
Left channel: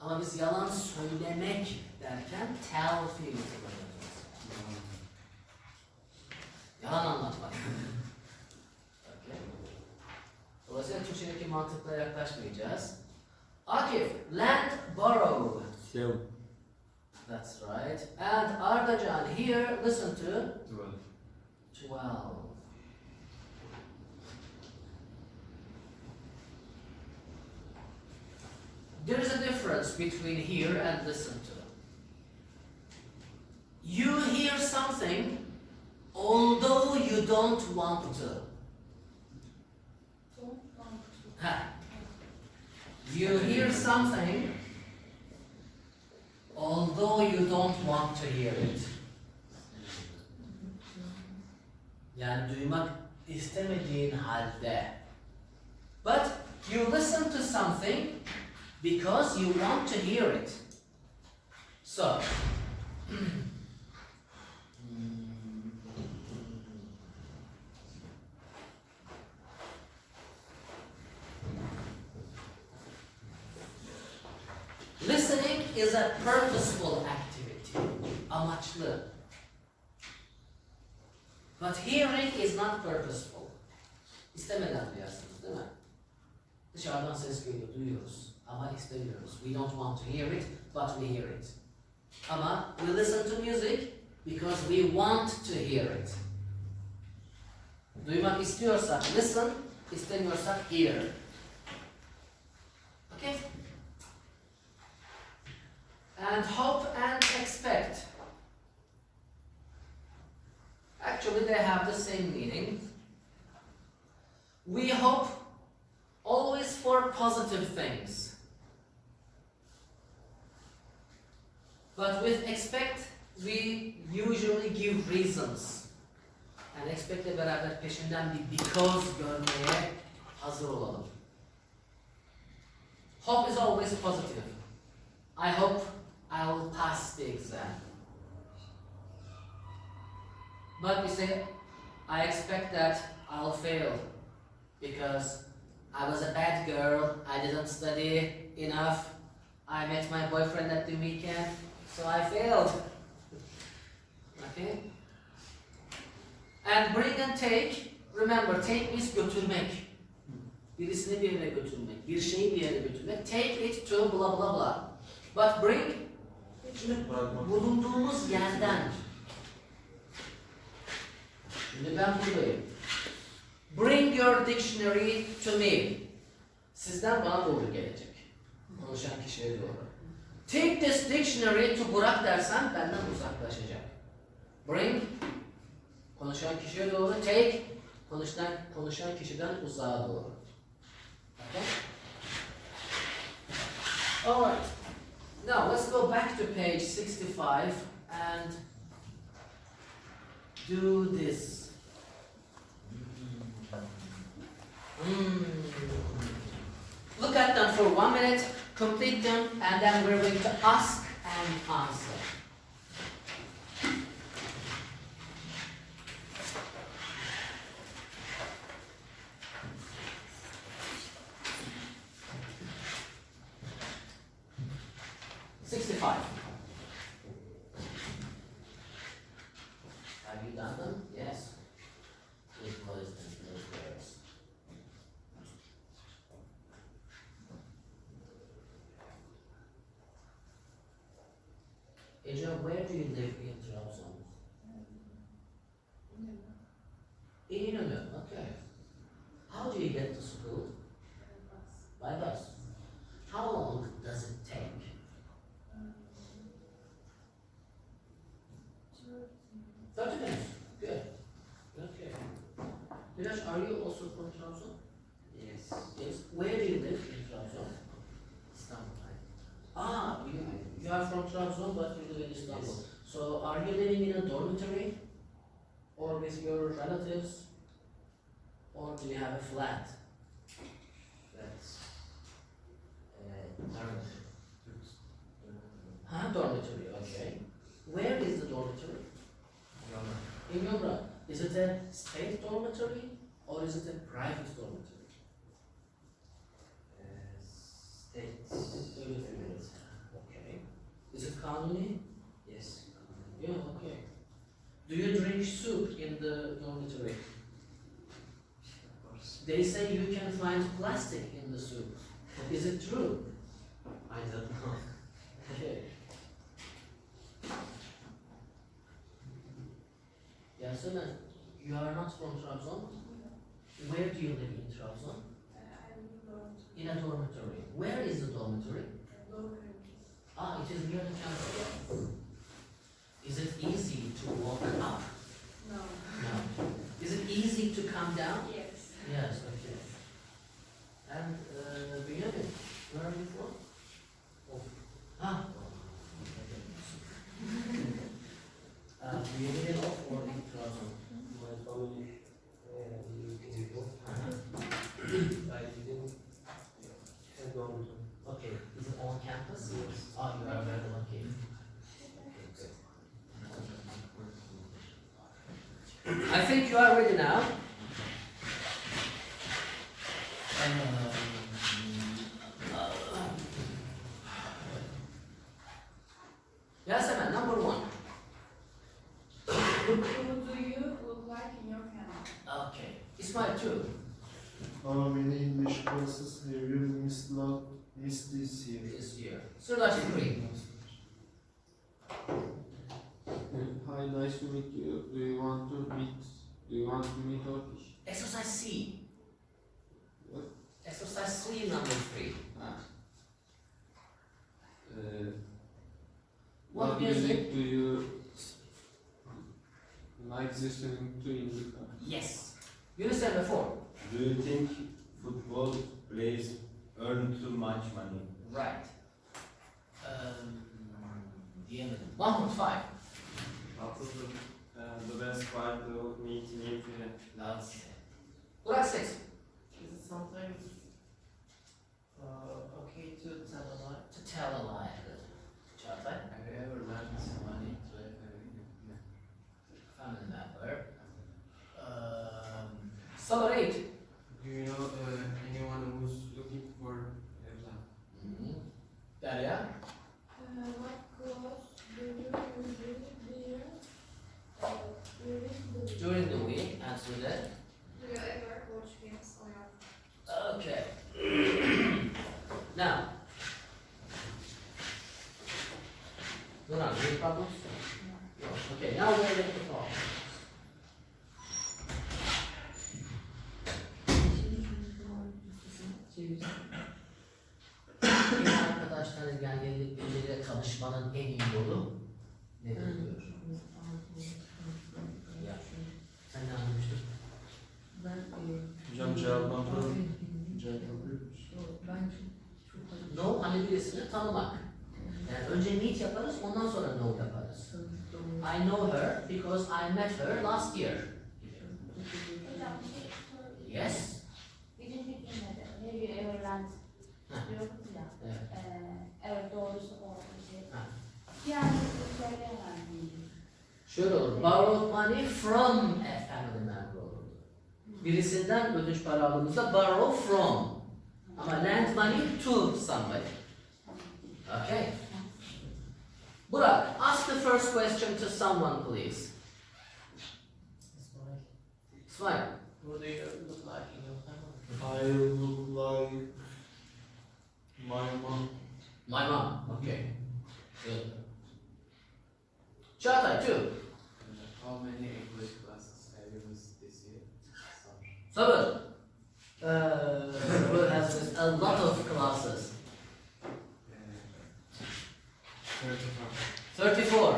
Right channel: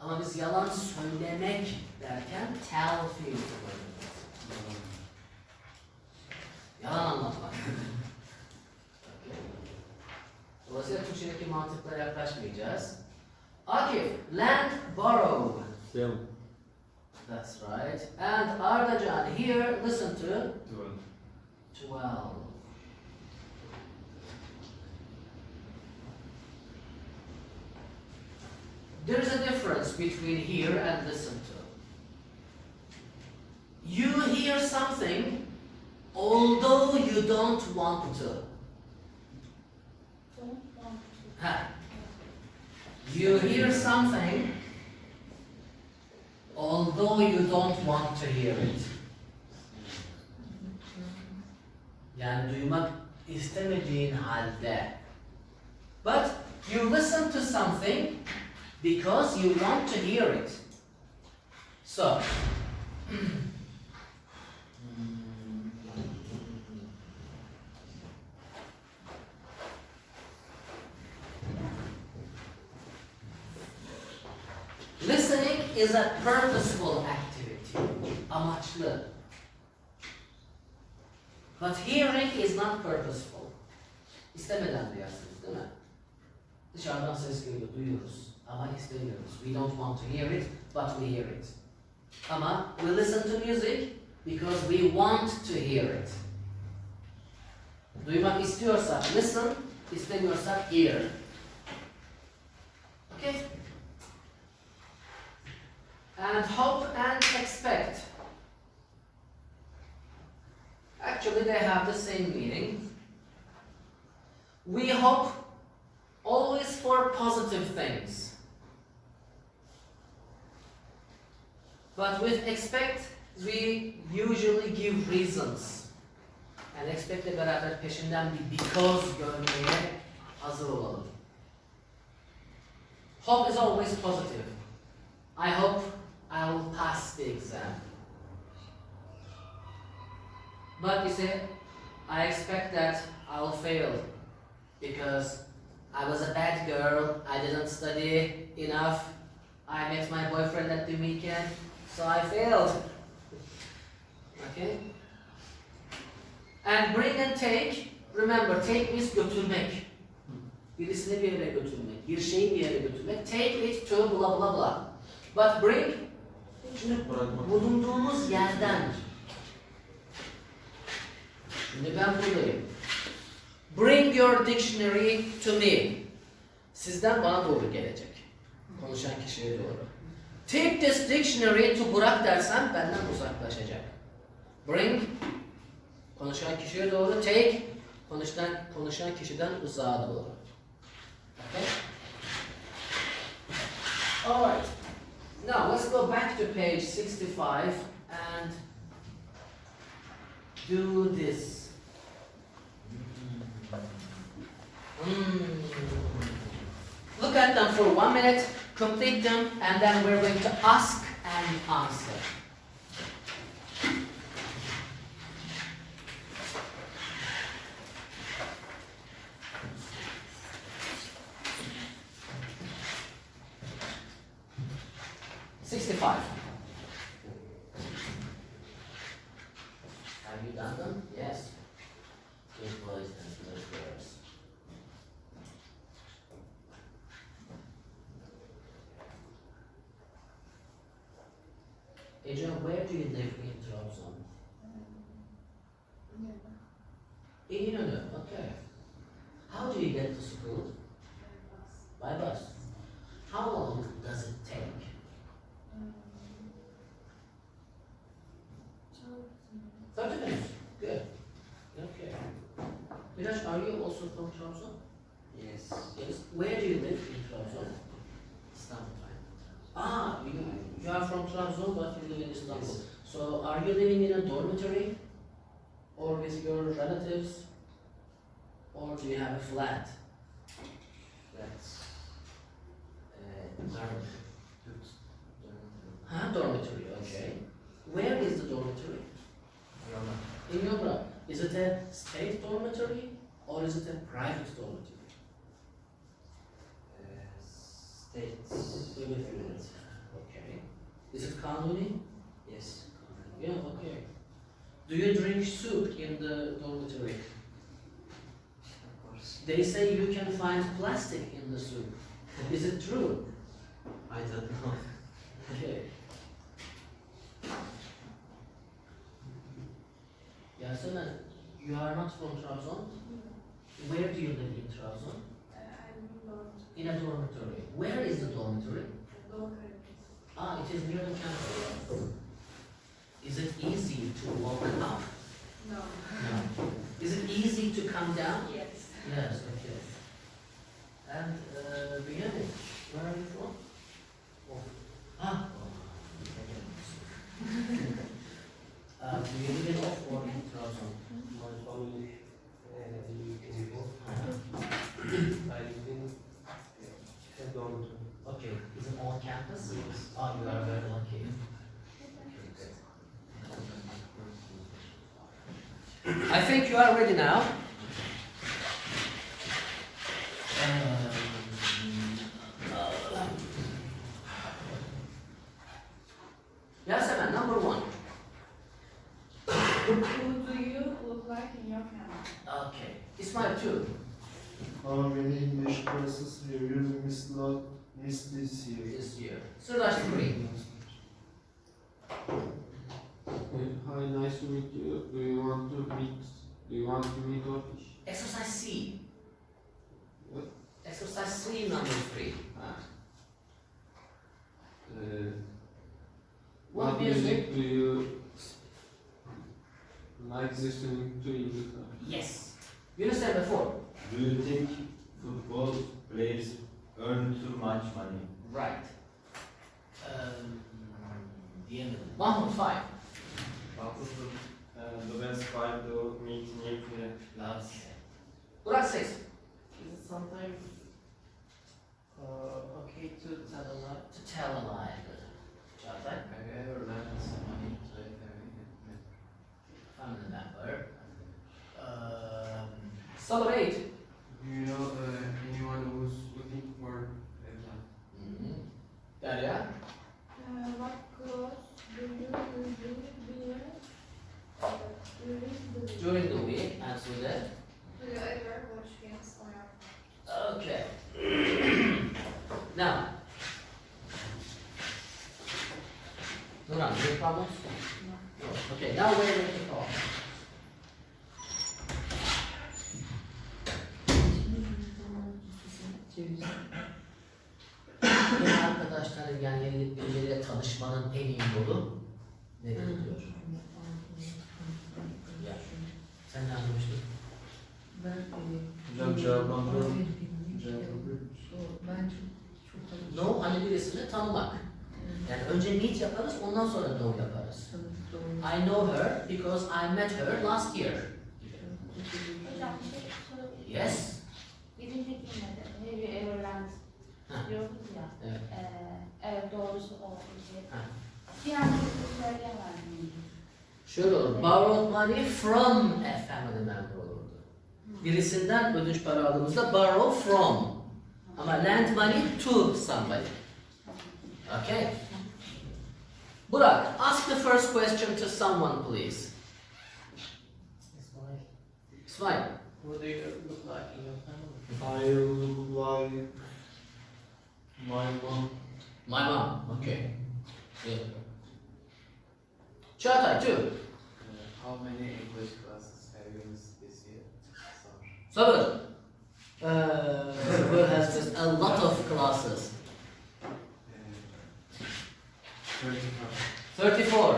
Ama biz yalan söylemek derken tell fiil kullanıyoruz. Yalan anlatmak. Okay. Dolayısıyla Türkçedeki mantıkla yaklaşmayacağız. Akif, land borrow. Sell. That's right. And Ardajan, here, listen to 12. 12. There is a difference between hear and listen to. You hear something although you don't want to. Don't want to. Ha. You hear something although you don't want to hear it. Yani duymak istemediğin halde. But you listen to something because you want to hear it. So, listening is a purposeful activity. Amaçlı. But hearing is not purposeful. İstemeden duyarsınız değil mi? Dışarıdan ses geliyor, duyuyoruz. Ama istemiyoruz. We don't want to hear it, but we hear it. Ama we listen to music because we want to hear it. Duymak istiyorsak listen, istemiyorsak hear. Okay? And hope and expect. Actually, they have the same meaning. We hope always for positive things. But with expect, we usually give reasons. And expect ile beraber peşinden bir because görmeye hazır olalım. Hope is always positive. I hope I will pass the exam. But you say, I expect that I'll fail because I was a bad girl, I didn't study enough, I met my boyfriend at the weekend, so I failed. Okay? And bring and take, remember, take means götürmek. Birisini bir yere götürmek, bir şeyi bir yere götürmek. Take it to blah blah blah. But bring, şimdi bulunduğumuz yerden. Şimdi ben buradayım. Bring your dictionary to me. Sizden bana doğru gelecek. Konuşan kişiye doğru. Take this dictionary to Burak dersem benden uzaklaşacak. Bring, konuşan kişiye doğru. Take, konuşan kişiden uzağa doğru. Okay? Alright. Now let's go back to page 65 and do this. Look at them for 1 minute, complete them, and then we're going to ask and answer. Have you done them? Yes. Good boys and good girls. Adrian, where do you live in Trabzon? In Inönü, okay. How do you get to school? By bus. How long does it take? 30 minutes. Good. Okay. Miraç, are you also from Trabzon? Yes. Yes. Where do you live in Trabzon? Istanbul. Ah, you are from Trabzon, but you live in Istanbul. Yes. So, are you living in a dormitory, or with your relatives, or do you have a flat? That's Dormitory, okay. Where is the dormitory? In Yomra. Is it a state dormitory or is it a private dormitory? Okay. Is it Kanuni? Yes. Yeah, okay. Do you drink soup in the dormitory? Of course. They say you can find plastic in the soup. Is it true? I don't know. Okay. Yasemin, you are not from Trabzon? Where do you live in Trabzon? I'm not In a dormitory. Where is the dormitory? local. Ah, it is near the campus. Is it easy to walk up? No. No. Is it easy to come down? Yes. Yes, okay. And Benjamin, where are you from? Oh. Ah. Do you live in Off or in Trabzon? My family in Ipoh. I live in a dormitory. Okay, is it on campus? Yes. Oh, you are very lucky. I think you are ready now. Yasemin, number one. Who do you look like in your family? Okay. Ismail, two. How many English classes have you missed this year? This year. Sırdaş, three. Hi, nice to meet you. Do you want to meet Turkish? Exercise C. What? Exercise C, number three. What music? Do you like listening to in the car? Yes. Yunus number four. Do you think football players earn too much money? Right. Yemen. Mahmut, five. The best part to meet new friends. Lots. Burak, six. Is it sometimes okay to tell a lie? To tell a lie. Çağatay. Have you ever lent money to a Family member. Sabır, eight. Do you know anyone who's looking for a job? Derya. What clothes do you usually wear During the week, answer that. Do you ever watch games on your phone? Okay. Now. Nurhan, any problems? No. Okay, now we're ready to talk. Yeni arkadaşların yani birileriyle tanışmanın en iyi yolu nedir diyor? Ya, sen ne anlamıştın? Hocam cevaplandıralım. Cevaplandırıyor No, hani birisini tanımak. Yani önce meet yaparız, ondan sonra know yaparız. I know her because I met her last year. Hocam bir şey sorabilir miyim? Yes. Birinci cümlede have you ever rent diyoruz ya. Evet. Evet doğrusu o bir şey. Ha. Bir anlamda söyleyemem miyim? Şöyle olur. Borrowed money from a family member olurdu. Birisinden ödünç para aldığımızda borrow from. Ama lend money to somebody. Okay. Burak, ask the first question to someone, please. Smile. What do you look like in your family? I look like my mom. My mom. Okay. Good. Çağatay, two. How many English classes have you missed this year? Sabır. Sabır has just a lot of classes. 35. 34.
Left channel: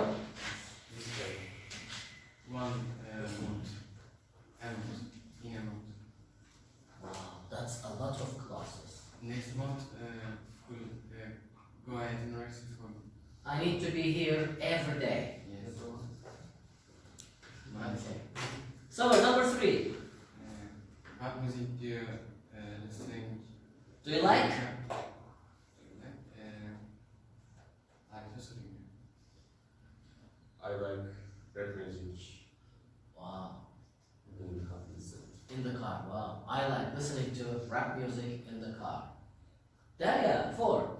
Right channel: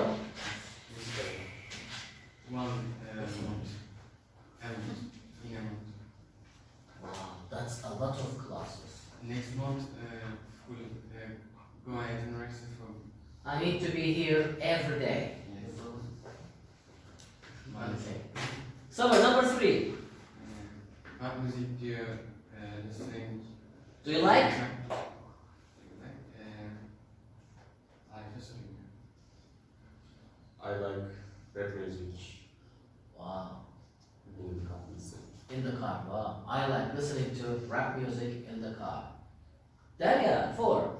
One month. And in a month. Wow, that's a lot of classes. Next month, we'll go ahead and register for. I need to be here every day. Yes. Okay. Sabır, number three. What music do you listen? Do you like? In the car. Wow. I like listening to rap music in the car. Derya, 4.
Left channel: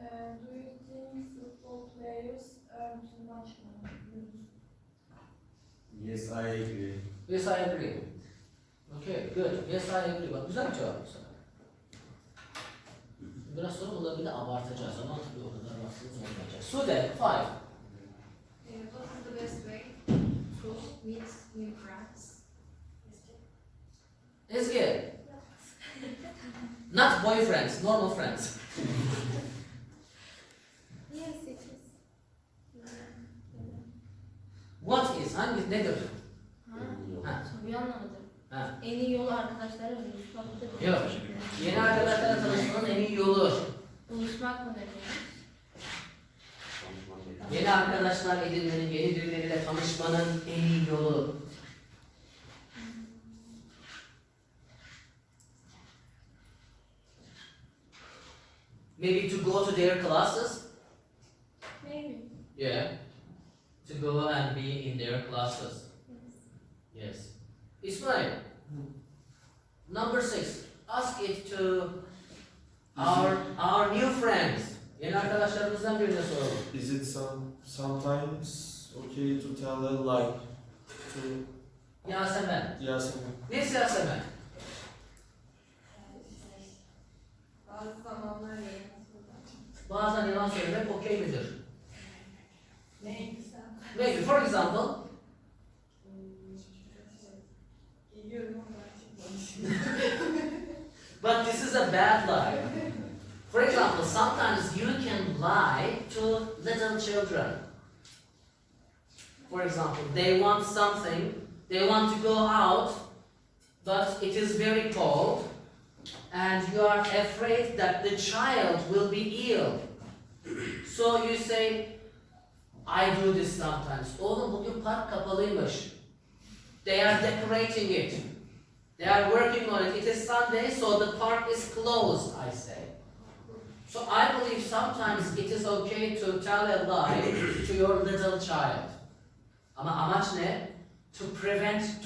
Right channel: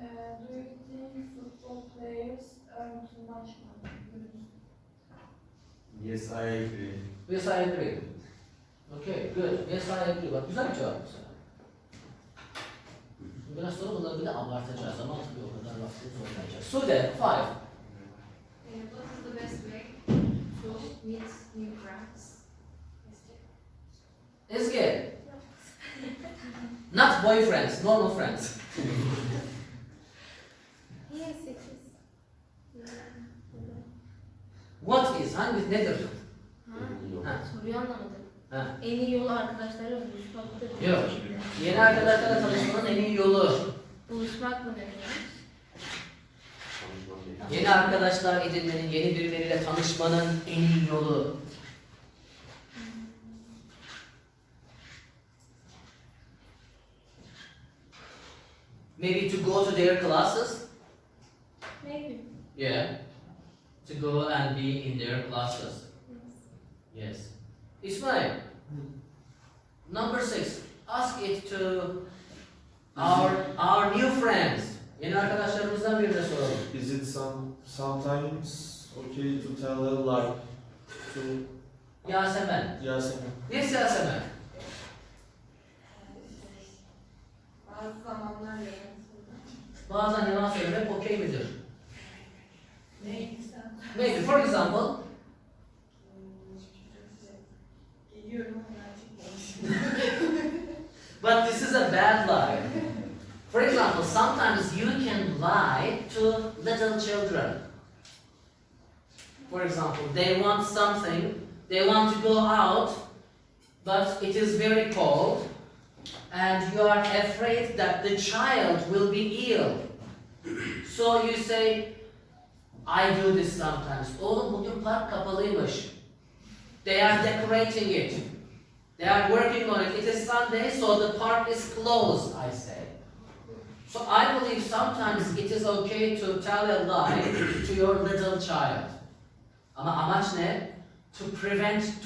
Do you think football players earn too much money? Yes, I agree. Yes, I agree. Okay, good. Yes, I agree. Bak güzel bir cevap bu sefer. Biraz sonra bunları bir de abartacağız ama tabii o kadar vaktimiz olmayacak. Sude, 5. What is the best way to meet new friends? Ezgi. Not boyfriends, normal friends. Yes, it is. What is? Hangi, nedir? Ha. Soruyu anlamadım. Ha. En iyi yolu arkadaşlarla buluşmaktır. Yok. Yeni arkadaşlarla tanışmanın en iyi yolu. Buluşmak mı demek? Yeni arkadaşlar edinmenin, yeni birileriyle tanışmanın en iyi yolu. Maybe to go to their classes? Maybe. Yeah. To go and be in their classes. Yes. Ismail. Number 6. Ask it to our new friends. Yeni arkadaşlarımızdan birine soralım. Is it sometimes okay to tell a lie to Yasemen. Yasemin? Yes, Yasemen. Bazı zamanlar yalan Bazen yalan söylemek okey midir? Ne? Maybe, for example, Geliyorum ama gerçekten. but this is a bad lie. For example, sometimes you can lie to little children. For example, they want something, they want to go out, but it is very cold, and you are afraid that the child will be ill. So you say, I do this sometimes. Oğlum bugün park kapalıymış. They are decorating it. They are working on it. It is Sunday, so the park is closed, I say. So I believe sometimes it is okay to tell a lie to your little child. Ama amaç ne? To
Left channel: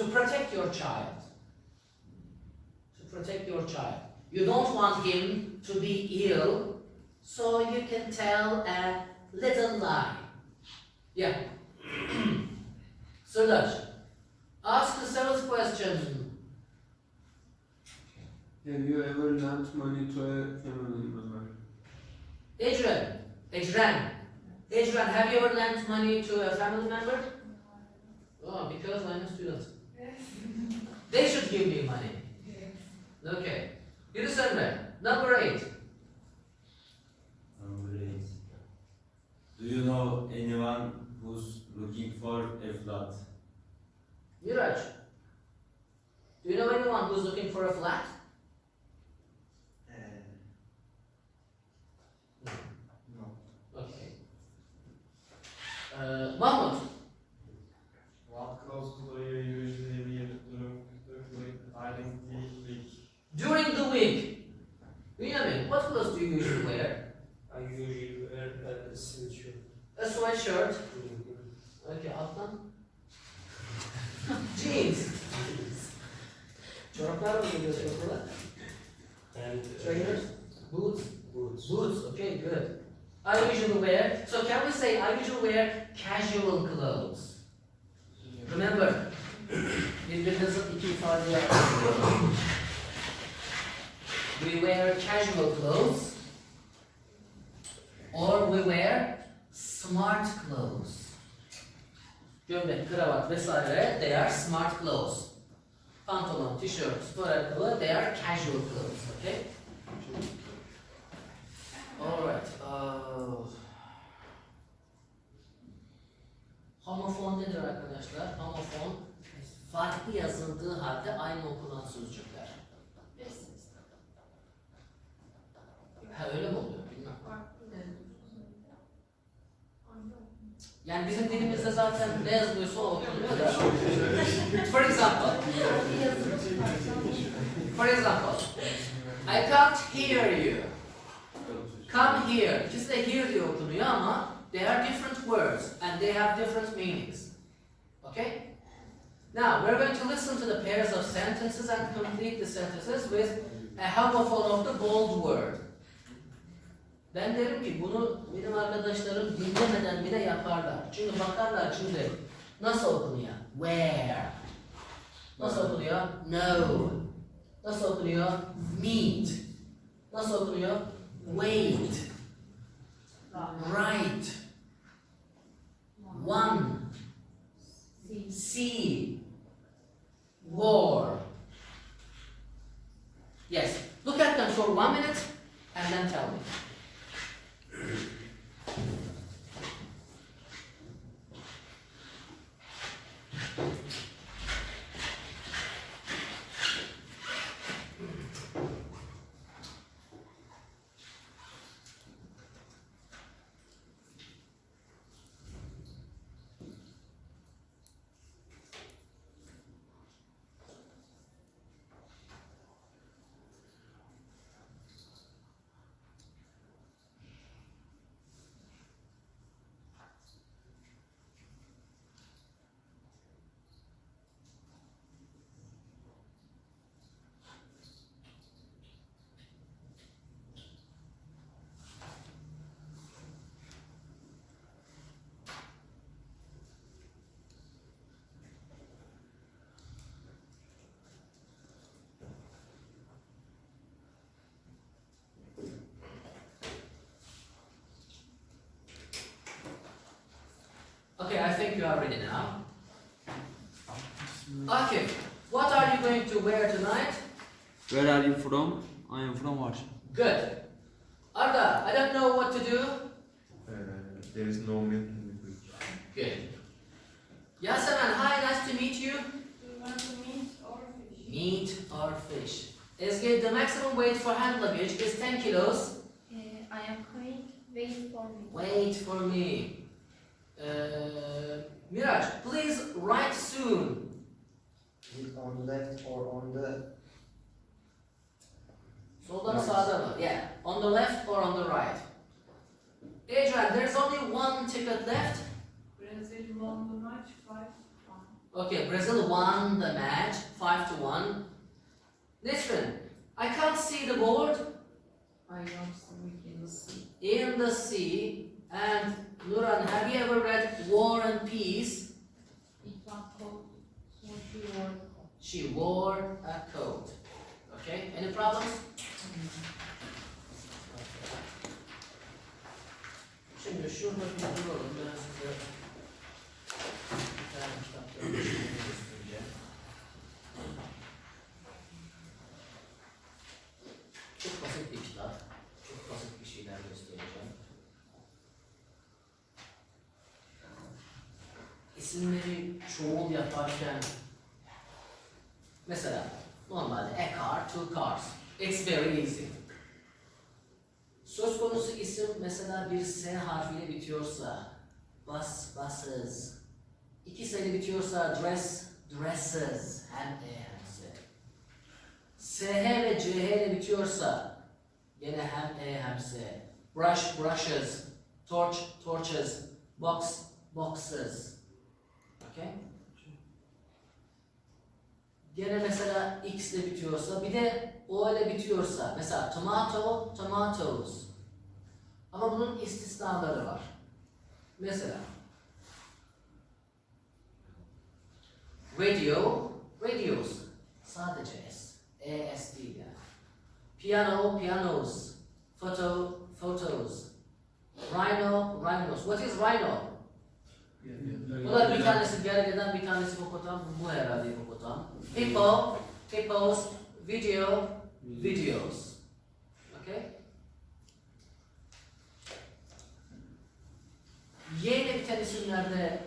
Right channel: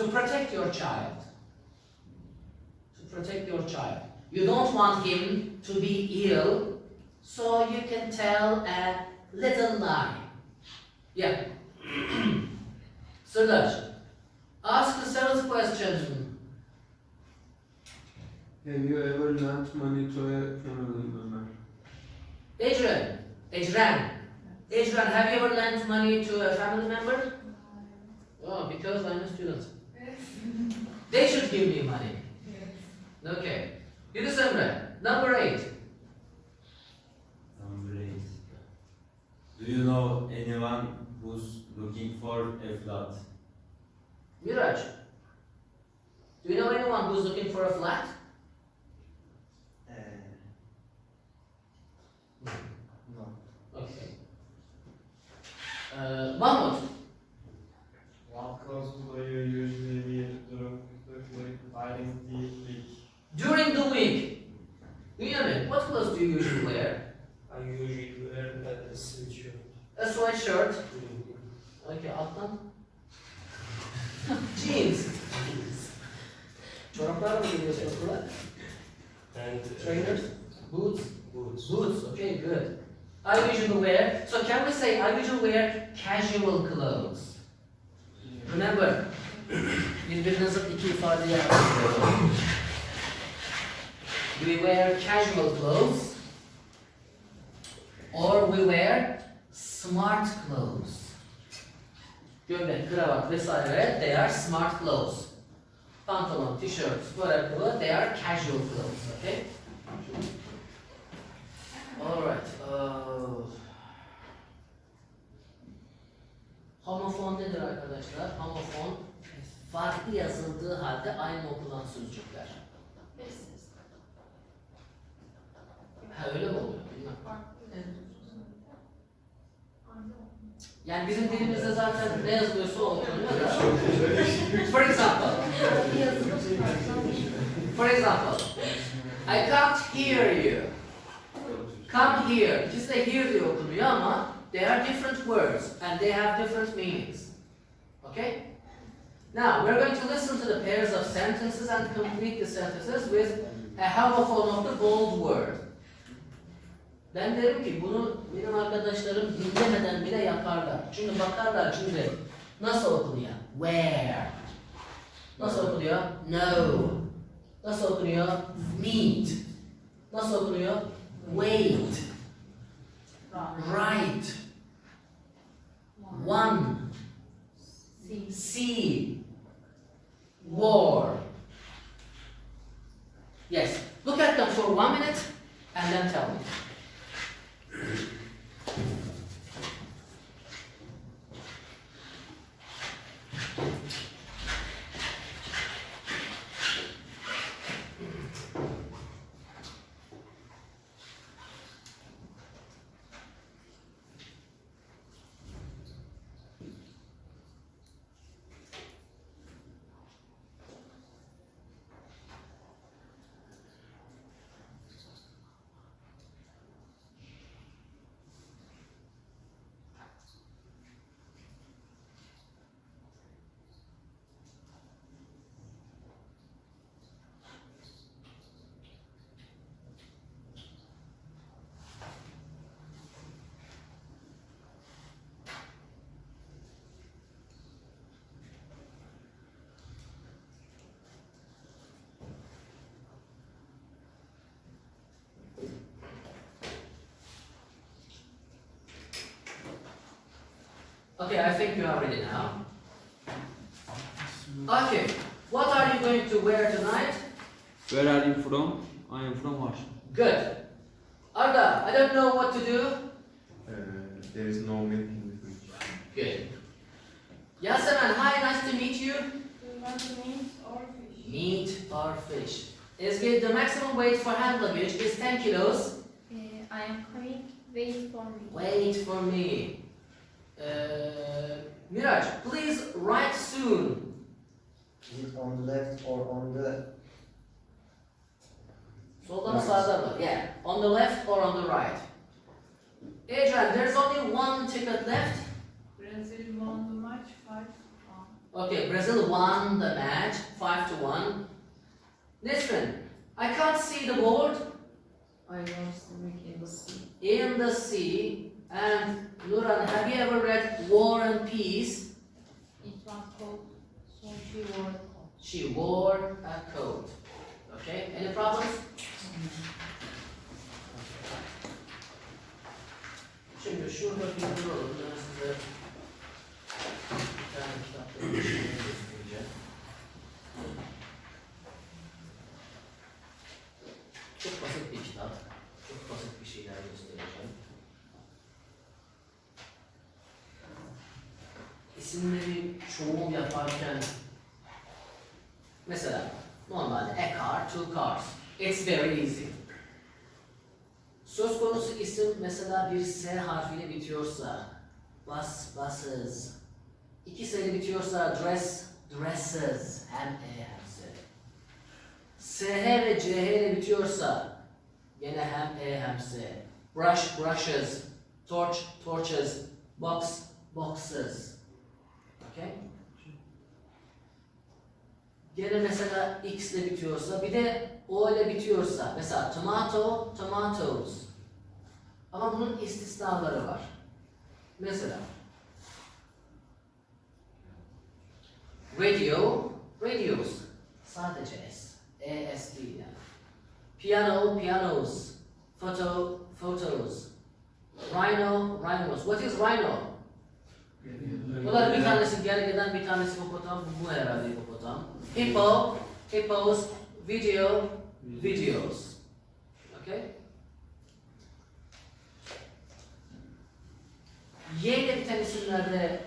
protect your child. To protect your child. You don't want him to be ill, so you can tell a little lie. Yeah. Suraj, ask the seventh question. Have you ever lent money to a family member? Adrian, have you ever lent money to a family member? Oh, because I'm a student. They should give me money. Okay. Yunus Emre, number 8. Number 8. Do you know anyone who's looking for a flat? Miraj, do you know anyone who's looking for a flat? No. Okay. Mahmut, What clothes do you usually wear during the week? during the week, Benjamin, what clothes do you usually wear? I usually wear a sweatshirt. A sweatshirt. Okay, alttan. Jeans. Çoraplarla mı geliyorsun okula? And Trainers? Boots? boots. Boots, okay, good. I usually wear, so can we say I usually wear casual clothes? Remember, birbirinizin iki ifadeyi yapıyorsunuz. Do we wear casual clothes? Or we wear smart clothes? Gömlek, kravat vesaire, they are smart clothes. Pantolon, t-shirt, spor ayakkabı, they are casual clothes, okay? Alright. Homofon nedir arkadaşlar? Homofon, farklı yazıldığı halde aynı okunan sözcükler. Ha öyle mi oluyor? Bilmem. Yani bizim dilimizde zaten ne yazılıyorsa o okunuyor da. For example, I can't hear you. Come here. İkisi de here diye okunuyor ama they are different words and they have different meanings. Okay? Now, we're going to listen to the pairs of sentences and complete the sentences with a homophone of the bold word. Ben derim ki bunu benim arkadaşlarım dinlemeden bile yaparlar. Çünkü bakarlar şimdi nasıl okunuyor? Where. Nasıl okunuyor? No. Nasıl okunuyor? Meet. Nasıl okunuyor? Wait. Right. One. See. War. Yes. Look at them for 1 minute and then tell me. Okay, I think you are ready now. Okay, what are you going to wear tonight? Where are you from? I am from Warsaw. Good. Arda, I don't know what to do. There is no link in between. Good. Yasemin, hi, nice to meet you. Do you want to meat or fish? Meat or fish. Ezgi, the maximum weight for hand luggage is 10 kilos. I am coming. Wait for me. Wait for me. Miraj, please write soon. Is it on the left or on the Solda mı sağda mı? Yeah. On the left or on the right? Adrian, there's only one ticket left. Brazil won the match 5-1. Okay, Brazil won the match 5-1. Lisbon, I can't see the board. I was in the sea. In the sea. And Nuran, have you ever read War and Peace? It was cold, so she wore a coat. She wore a coat. Okay, any problems? Şimdi şurada bir duralım. Ben size bir tane kitapla bir şey göstereceğim. Çok basit bir kitap. Çok basit bir şeyler göstereceğim. İsimleri çoğul yaparken mesela normalde a car, two cars. It's very easy. Söz konusu isim mesela bir S harfiyle bitiyorsa bus, buses. İki sayılı bitiyorsa dress, dresses. Hem E hem S. SH ve CH ile bitiyorsa gene hem E hem S. Brush, brushes. Torch, torches. Box, boxes. Okay? Gene mesela X ile bitiyorsa, bir de O ile bitiyorsa, mesela tomato, tomatoes. Ama bunun istisnaları var. Mesela radio, radios. Sadece S. E-S değil yani. Piano, pianos. Photo, photos. Rhino, rhinos. What is rhino? Bunlar bir tanesi gergedan, bir tanesi hipopotam. Bu herhalde hipopotam. Hippo, hippos, video, videos. Okay? Y ile biten isimlerde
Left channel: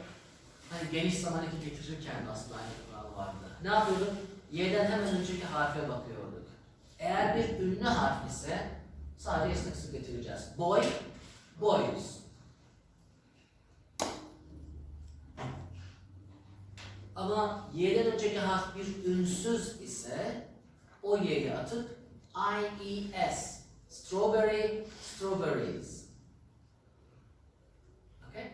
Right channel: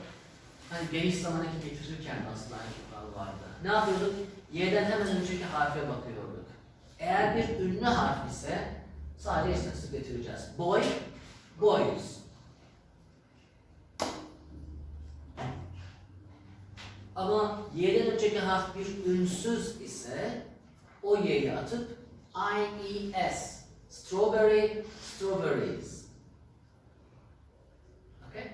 hani geniş zaman eki getirirken aslında aynı kural vardı. Ne yapıyorduk? Y'den hemen önceki harfe bakıyorduk. Eğer bir ünlü harf ise sadece istatistik getireceğiz. Boy, boys. Ama Y'den önceki harf bir ünsüz ise o Y'yi atıp I-E-S. Strawberry, strawberries. Okay?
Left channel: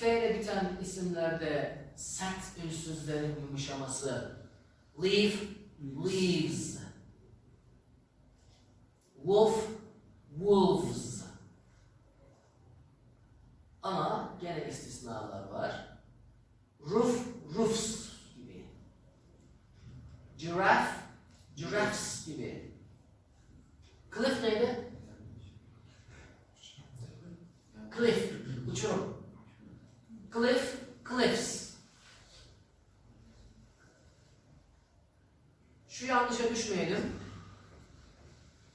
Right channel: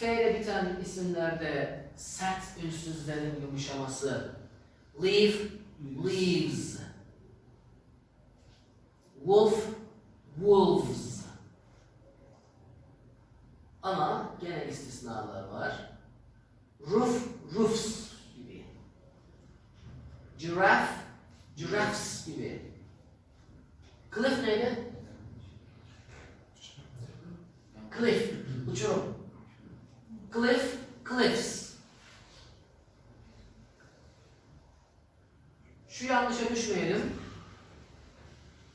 F ile biten isimlerde sert ünsüzlerin yumuşaması. Leaf, leaves. Wolf, wolves. Ama gene istisnalar var. Roof, roofs gibi. Giraffe, giraffes gibi. Cliff neydi? Cliff, uçurum. Cliff, cliffs. Şu yanlışa düşmeyelim.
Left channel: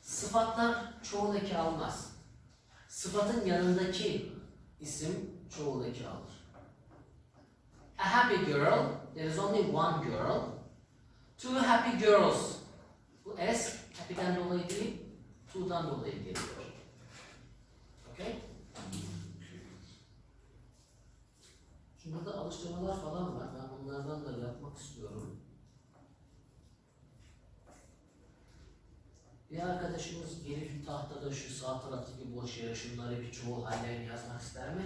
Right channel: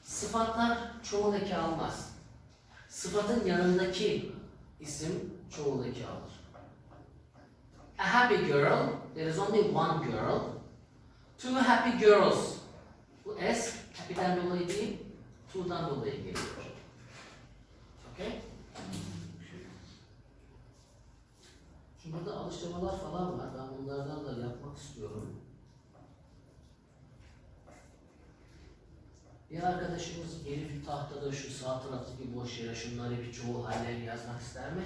Sıfatlar çoğul eki almaz. Sıfatın yanındaki isim çoğul eki alır. A happy girl, there is only one girl. Two happy girls. Bu S, happy'den dolayı değil, two'dan dolayı geliyor. Okay? Şimdi burada alıştırmalar falan var. Ben bunlardan da yapmak istiyorum. Bir arkadaşımız gelip tahtada şu sağ taraftaki boş yere şunları bir çoğul hallerini yazmak ister mi?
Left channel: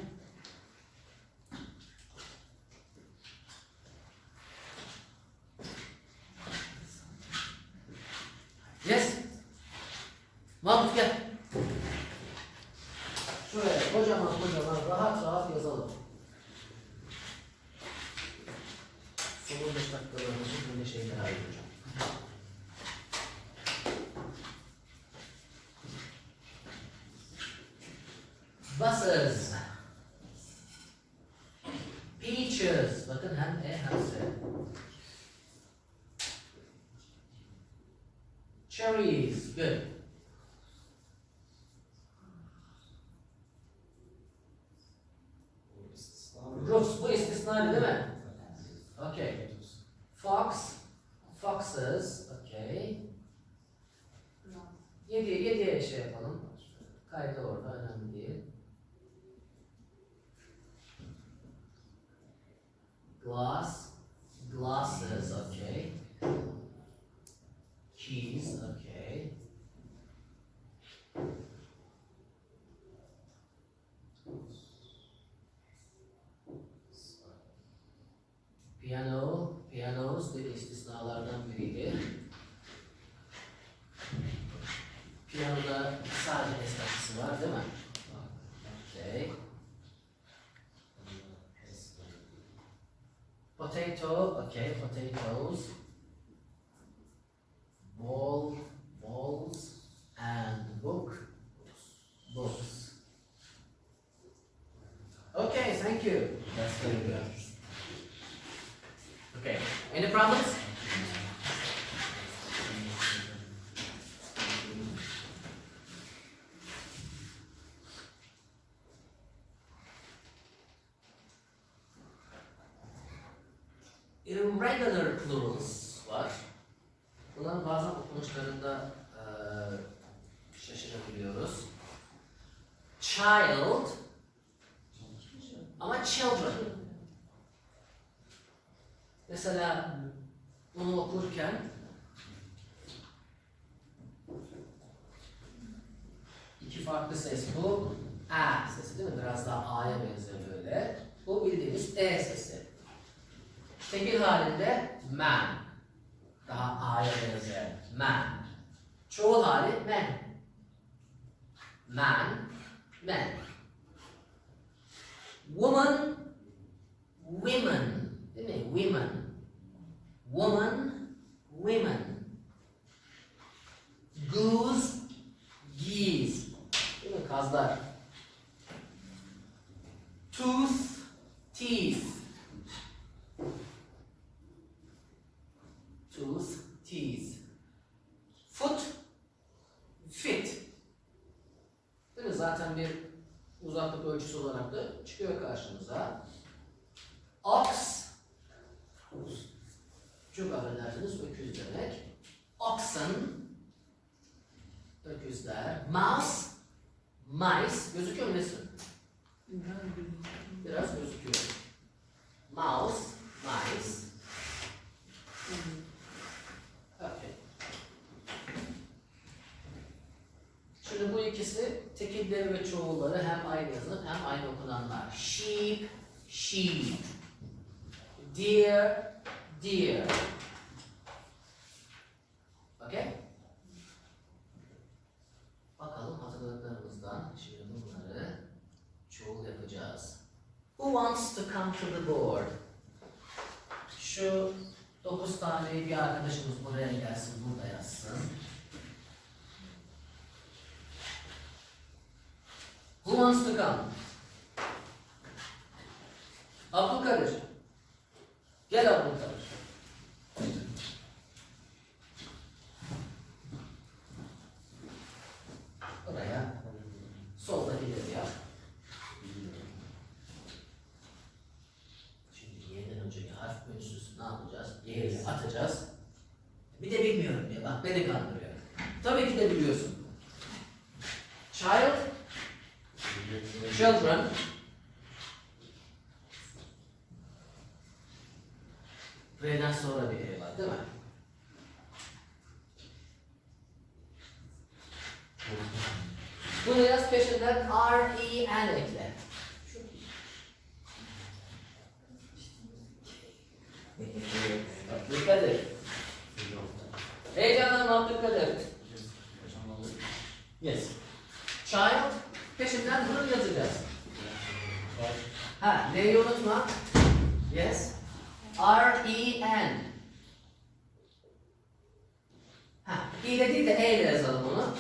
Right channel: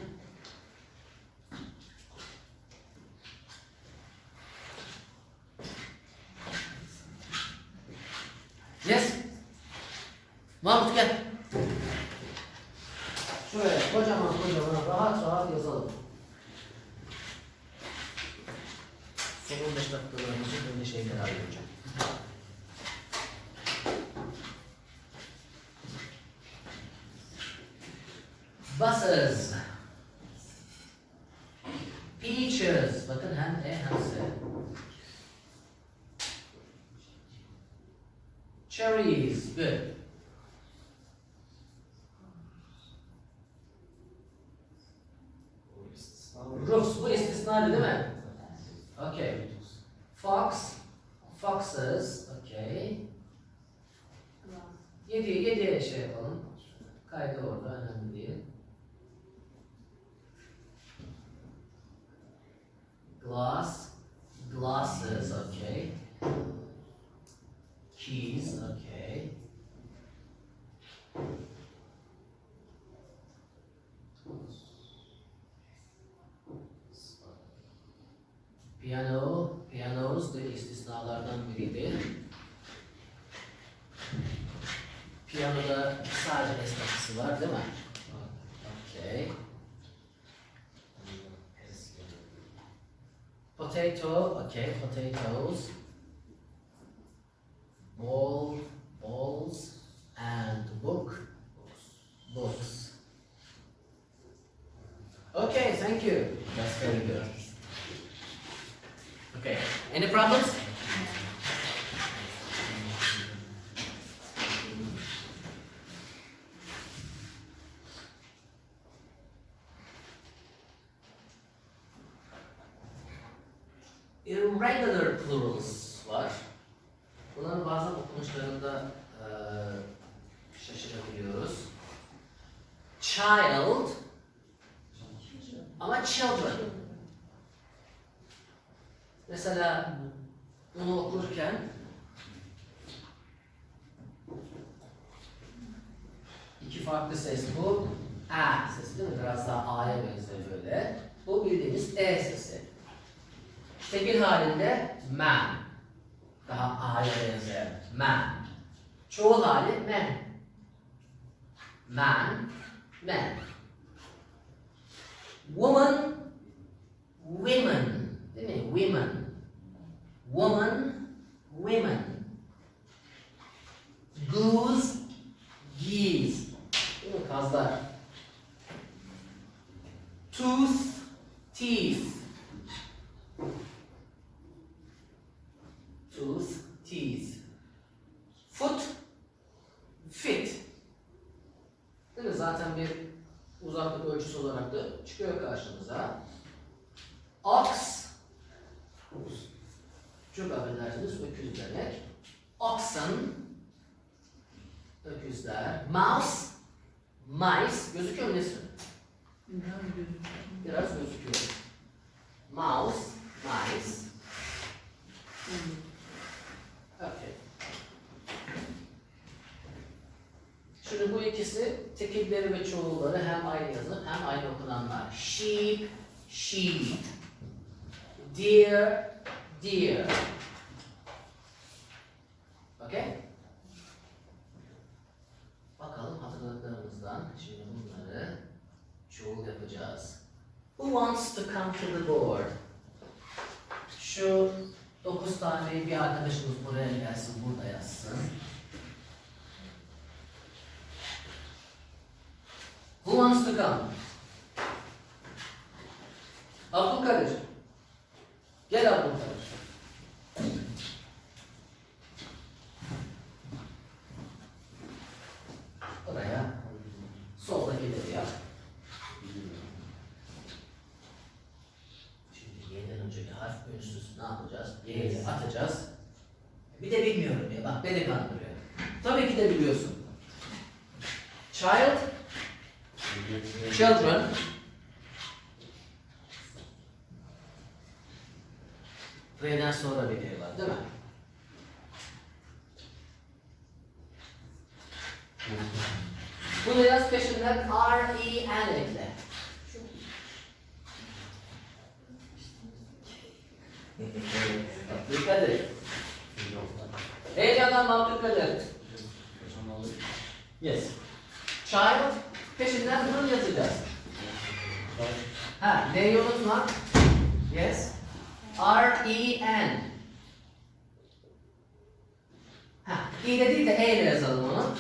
Yes. Mahmut gel. Şöyle kocaman rahat rahat yazalım. Son 15 dakikalarımızı böyle şeylere ayıracağım. Buses. Peaches. Bakın hem E hem S. Cherries. Good. Roofs. Bu istisnai değil mi? Okay. Fox. Foxes. Okay. 7'ye şey yapalım. Kaydı orada önemli değil. Glass, glasses, okay. Keys, okay. Piano, pianos da istisnalardan biriydi. Piyanoda sadece esnafısı var değil mi? Okay. Potato, okay, potatoes. Ball, balls, and book, books. Okay, thank you. That's very good. Okay, any problems? Irregular plurals var. Bunların bazen okunuşlarında şaşırabiliyoruz. Child ama children. Mesela bunu okurken iki farklı ses bu. A sesi değil mi? Biraz daha A'ya benziyor böyle. Bu bildiğimiz E sesi. Tekil halinde man. Daha A'ya benzer. Man. Çoğul hali men. Man, men. Woman, women. Değil mi? Women. Woman, women. Goose, geese. Değil mi? Kazlar. Tooth, teeth. Tooth, teeth. Foot, fit. Değil mi? Zaten bir uzaklık ölçüsü olarak da çıkıyor karşımıza. Ox, çok affedersiniz, öküz demek. Oxen, öküzler. Mouse, mice, gözüküyor mu Nesrin? Biraz gözüküyor. Mouse, mice. Okay. Şimdi bu ikisi tekilleri ve çoğulları hem aynı yazılır hem aynı okunanlar. Sheep, She. Dear, dear. Okay? Bakalım hatırladıklarımızdan şimdi bunları çoğul yapacağız. Who wants to come to the board? Şu 9 tane bir arkadaşımız buraya gelsin, burada yazsın. Who wants to come? Abdülkadir. Gel Abdülkadir. Oraya soldakileri yap. Şimdi Y'den önceki harf ünsüz ne yapacağız? Y'yi atacağız. Bir de bilmiyorum diye bak beni kandırıyor. Tabii ki de biliyorsun. Child, children, R'den sonra bir E var değil mi? Bunu yaz peşinden R-E-N ekle. Abdülkadir. Heyecanlanma Abdülkadir. Yes. Child peşinden bunu yazacağız. Ha, neyi unutma? Yes. R-E-N. Ha, İ de değil de E ile yazalım onu.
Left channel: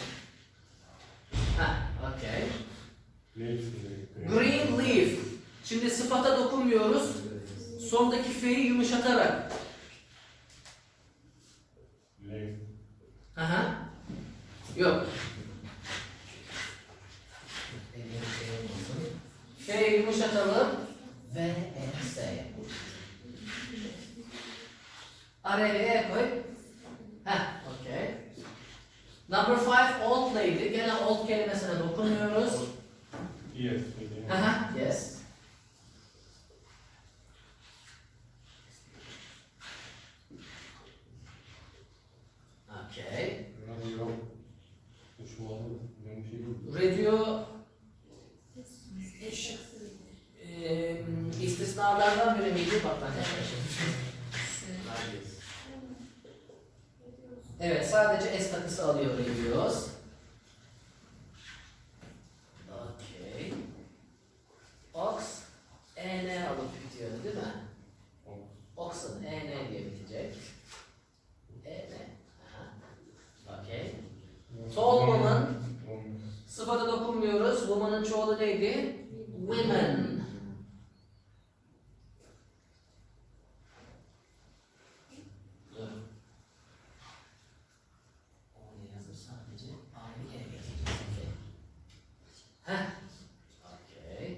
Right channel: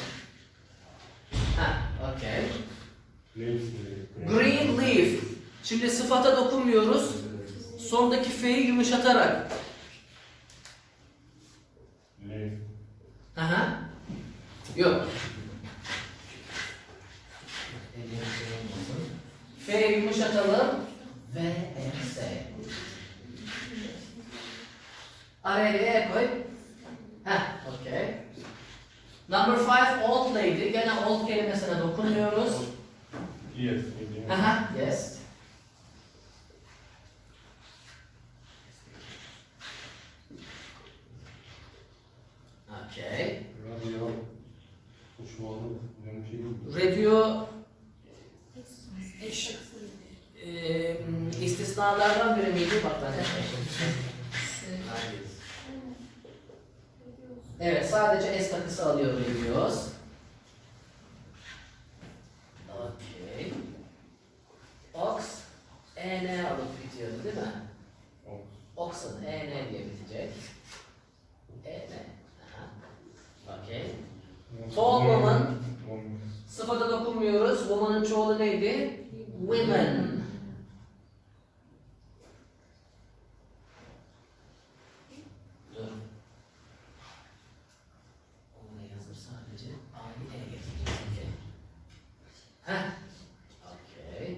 Ha, okay. Green leaf. Şimdi sıfata dokunmuyoruz. Sondaki F'yi yumuşatarak. Aha. Yok. F'yi yumuşatalım. V, S. Araya E koy. Heh, okay. Number 5, old lady. Gene old kelimesine dokunmuyoruz. Yes. Aha, yes. Okay. Radio istisnalardan biri miydi? Bak ben de evet, sadece S takısı alıyor biliyoruz. Okay. Ox, EN alıp bitiyordu değil mi? Ox'un EN diye bitecek. EN. Okay. Tall woman. Sıfata dokunmuyoruz. Woman'ın çoğulu neydi? Women. Dur. Onu yazır sadece. A'yı E getireceğiz. Okay. Heh. Okay.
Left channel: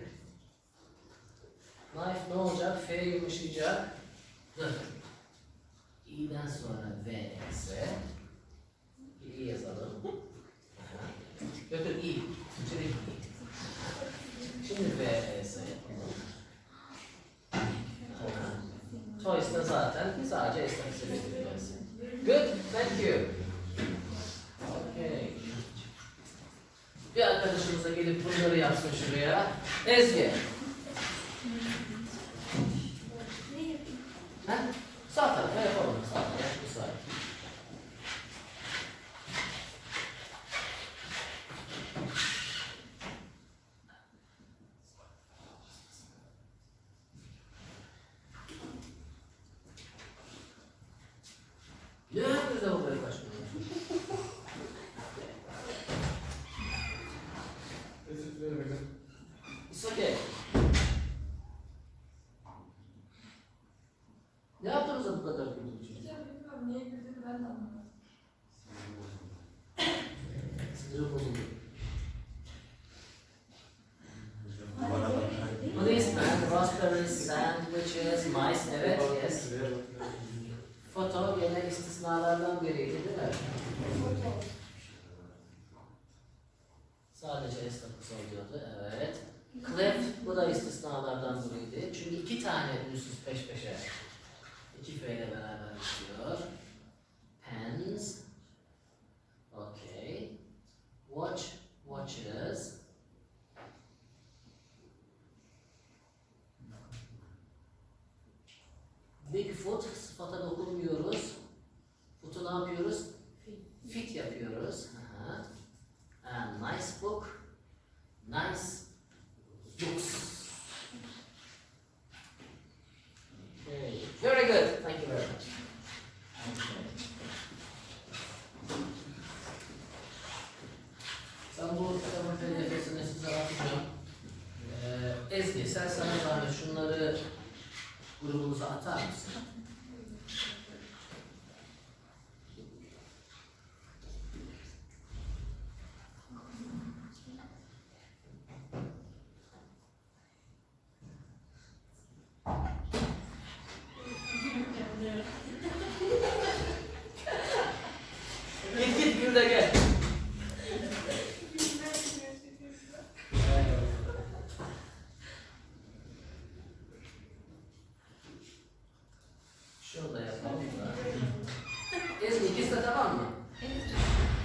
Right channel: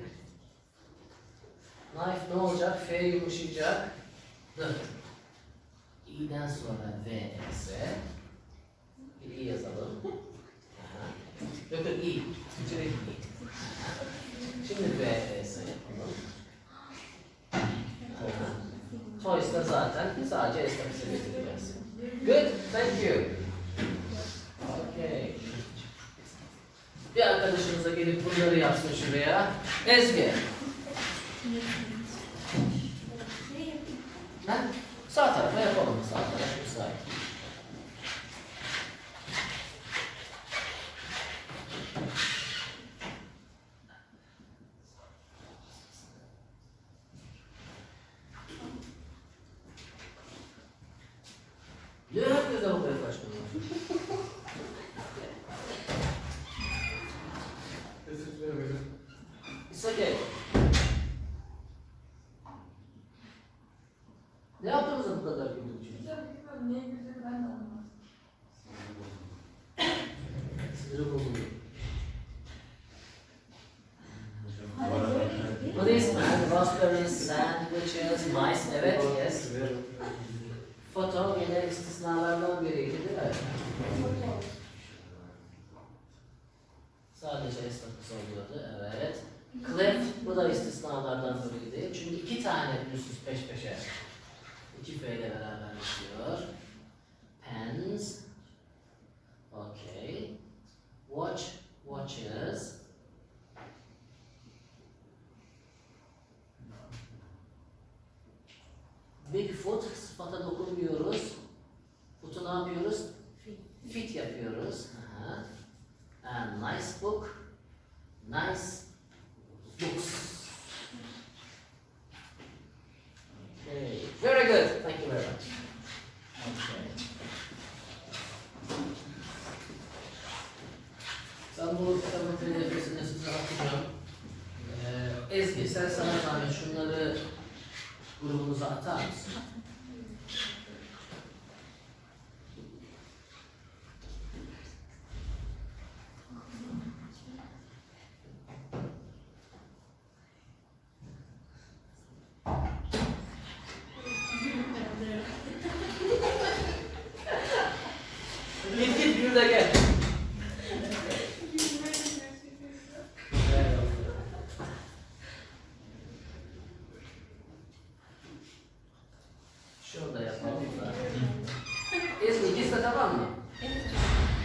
Knife ne olacak? F yumuşayacak. Dur. İ'den sonra V ise bir İ yazalım. Yok yok İ. Türkçe'de İ. Şimdi V ise yapalım. Toys'ta zaten sadece esnafısı bekleyeceğiz. Good, thank you. Okay. Bir arkadaşımız da gelip bunları yapsın şuraya. Ezgi. Ha? Sağ tarafa yapalım. Sağ tarafa müsait. Ne yapıyoruz da buraya kaçmıyoruz? It's okay. Ne yaptınız da bu kadar güldürücü? Bilmiyorum niye güldüğünü ben de anlamadım. Siniri bozuldu. Hani böyle değil mi? Policeman, raspberries, sandwiches, mice, evet, yes. Foto gene istisnalardan biriydi değil mi? Sadece esnafısı oluyordu, evet. Cliff, bu da istisnalardan biriydi. Çünkü iki tane ünsüz peş peşe. İki F ile beraber bitiyor. Pens. Okay. Watch, watches. foot, sıfata dokunmuyoruz. Foot'u ne yapıyoruz? Fit yapıyoruz. Aha. And nice book. Nice books. Okay. Very good. Thank you very much. Okay. Ben bu kitabın pdf'sini size atacağım. Ezgi, sen sana zahmet şunları grubumuza atar mısın? Git bir de gel. Şunu da yapalım da. Ezgi, ikisi de tamam mı?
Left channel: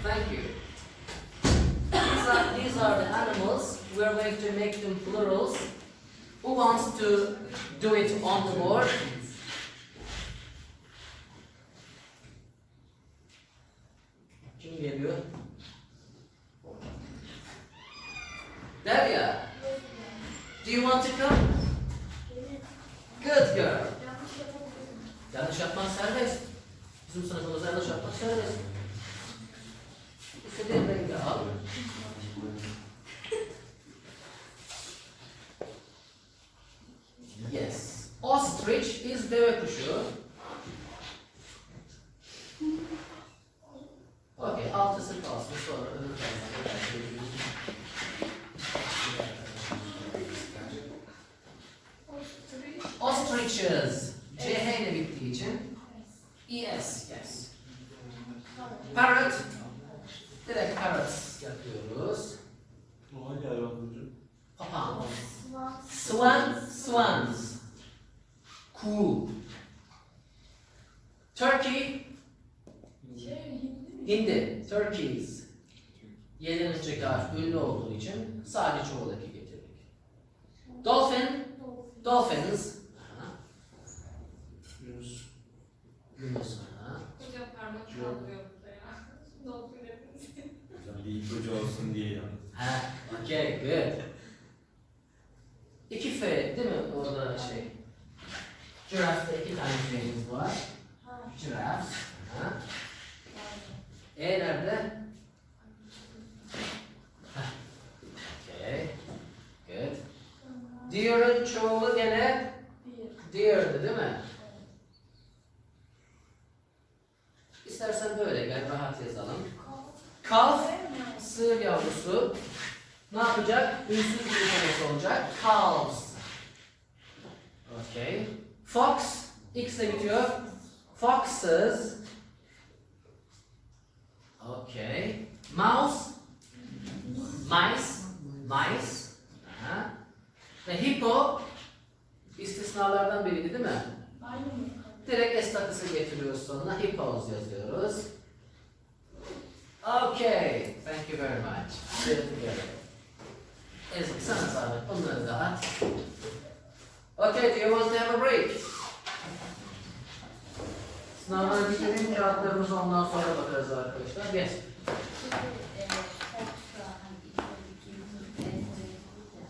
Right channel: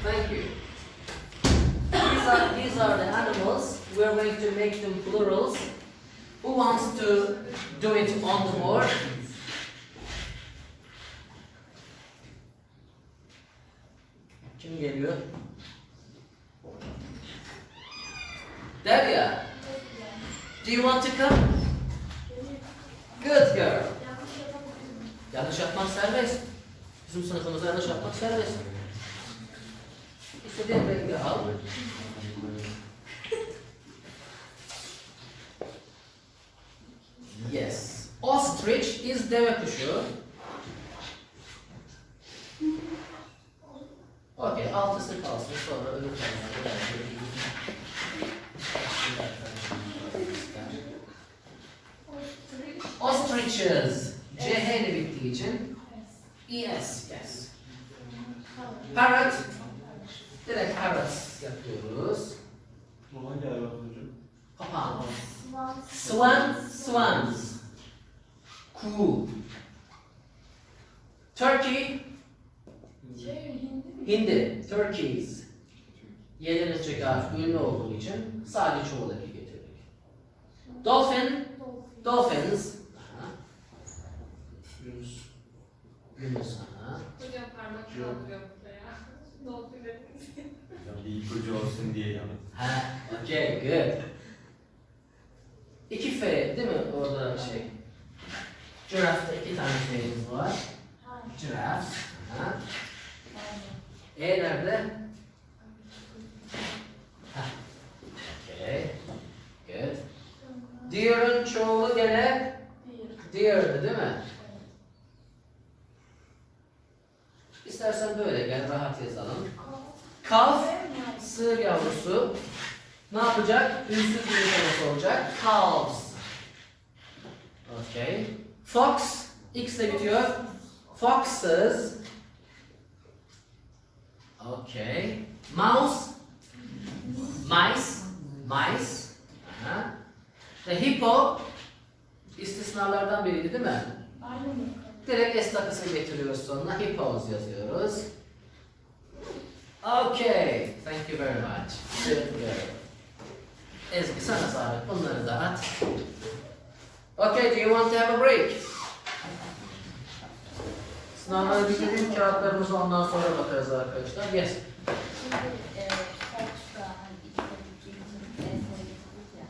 Thank you. These are the animals. We are going to make them plurals. Who wants to do it on the board? Kim geliyor? Derya. Do you want to come? Good girl. Yanlış yapman serbest. Bizim sınıfımızda yanlış yapmak serbest. İstediğin rengi al. Yes. Ostrich is deve kuşu. Okay, altısı kalsın. Sonra öbür tarafa Ostriches. CH ile bittiği için ES, yes. Parrot. Direkt parrot yapıyoruz. O hangi hayvan hocam? Papağan. Swans. Kuğu. Turkey. Hindi. Turkeys. Y'den önceki harf ünlü olduğu için sadece çoğul eki getirdik. Dolphin. Dolphins. Aha. Yunus. Yunus. Aha. Hocam parmak kaldırıyor burada ya. Dolphin hepimiz. Hocam bir ipucu olsun diye yaptım. Ha, okay, good. 2 F değil mi orada şey? Giraffe'de 2 tane F'miz var. Giraffe. Ha. E nerede? Ha. Okay, good. Deer'ın çoğulu gene deer'dı değil mi? İstersen böyle gel, rahat yazalım. Calf, sığır yavrusu. Ne yapacak? Ünsüz bir yumurtaması olacak. Calves. Okay. Fox, X ile bitiyor. Foxes. Okay. Mouse, mice, mice. Aha. Ve hippo, istisnalardan biriydi değil mi? Direkt estakısı getiriyoruz sonuna. Hippos yazıyoruz. Okay. Thank you very much. Good together. Ezgi sana sağlık. Bunları da at. Okay, do you want to have a break? Sınavları bitireyim, kağıtlarımızla ondan sonra bakarız arkadaşlar. Yes.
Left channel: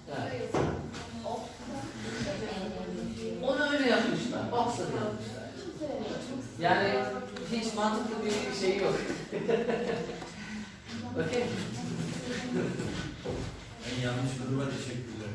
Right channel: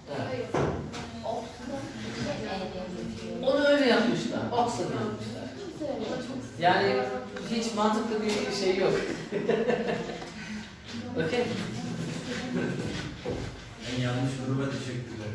Evet. Onu öyle yapmışlar. Oxford yapmışlar. Yani hiç mantıklı bir şey yok. Okay. En yanlış gruba teşekkürler.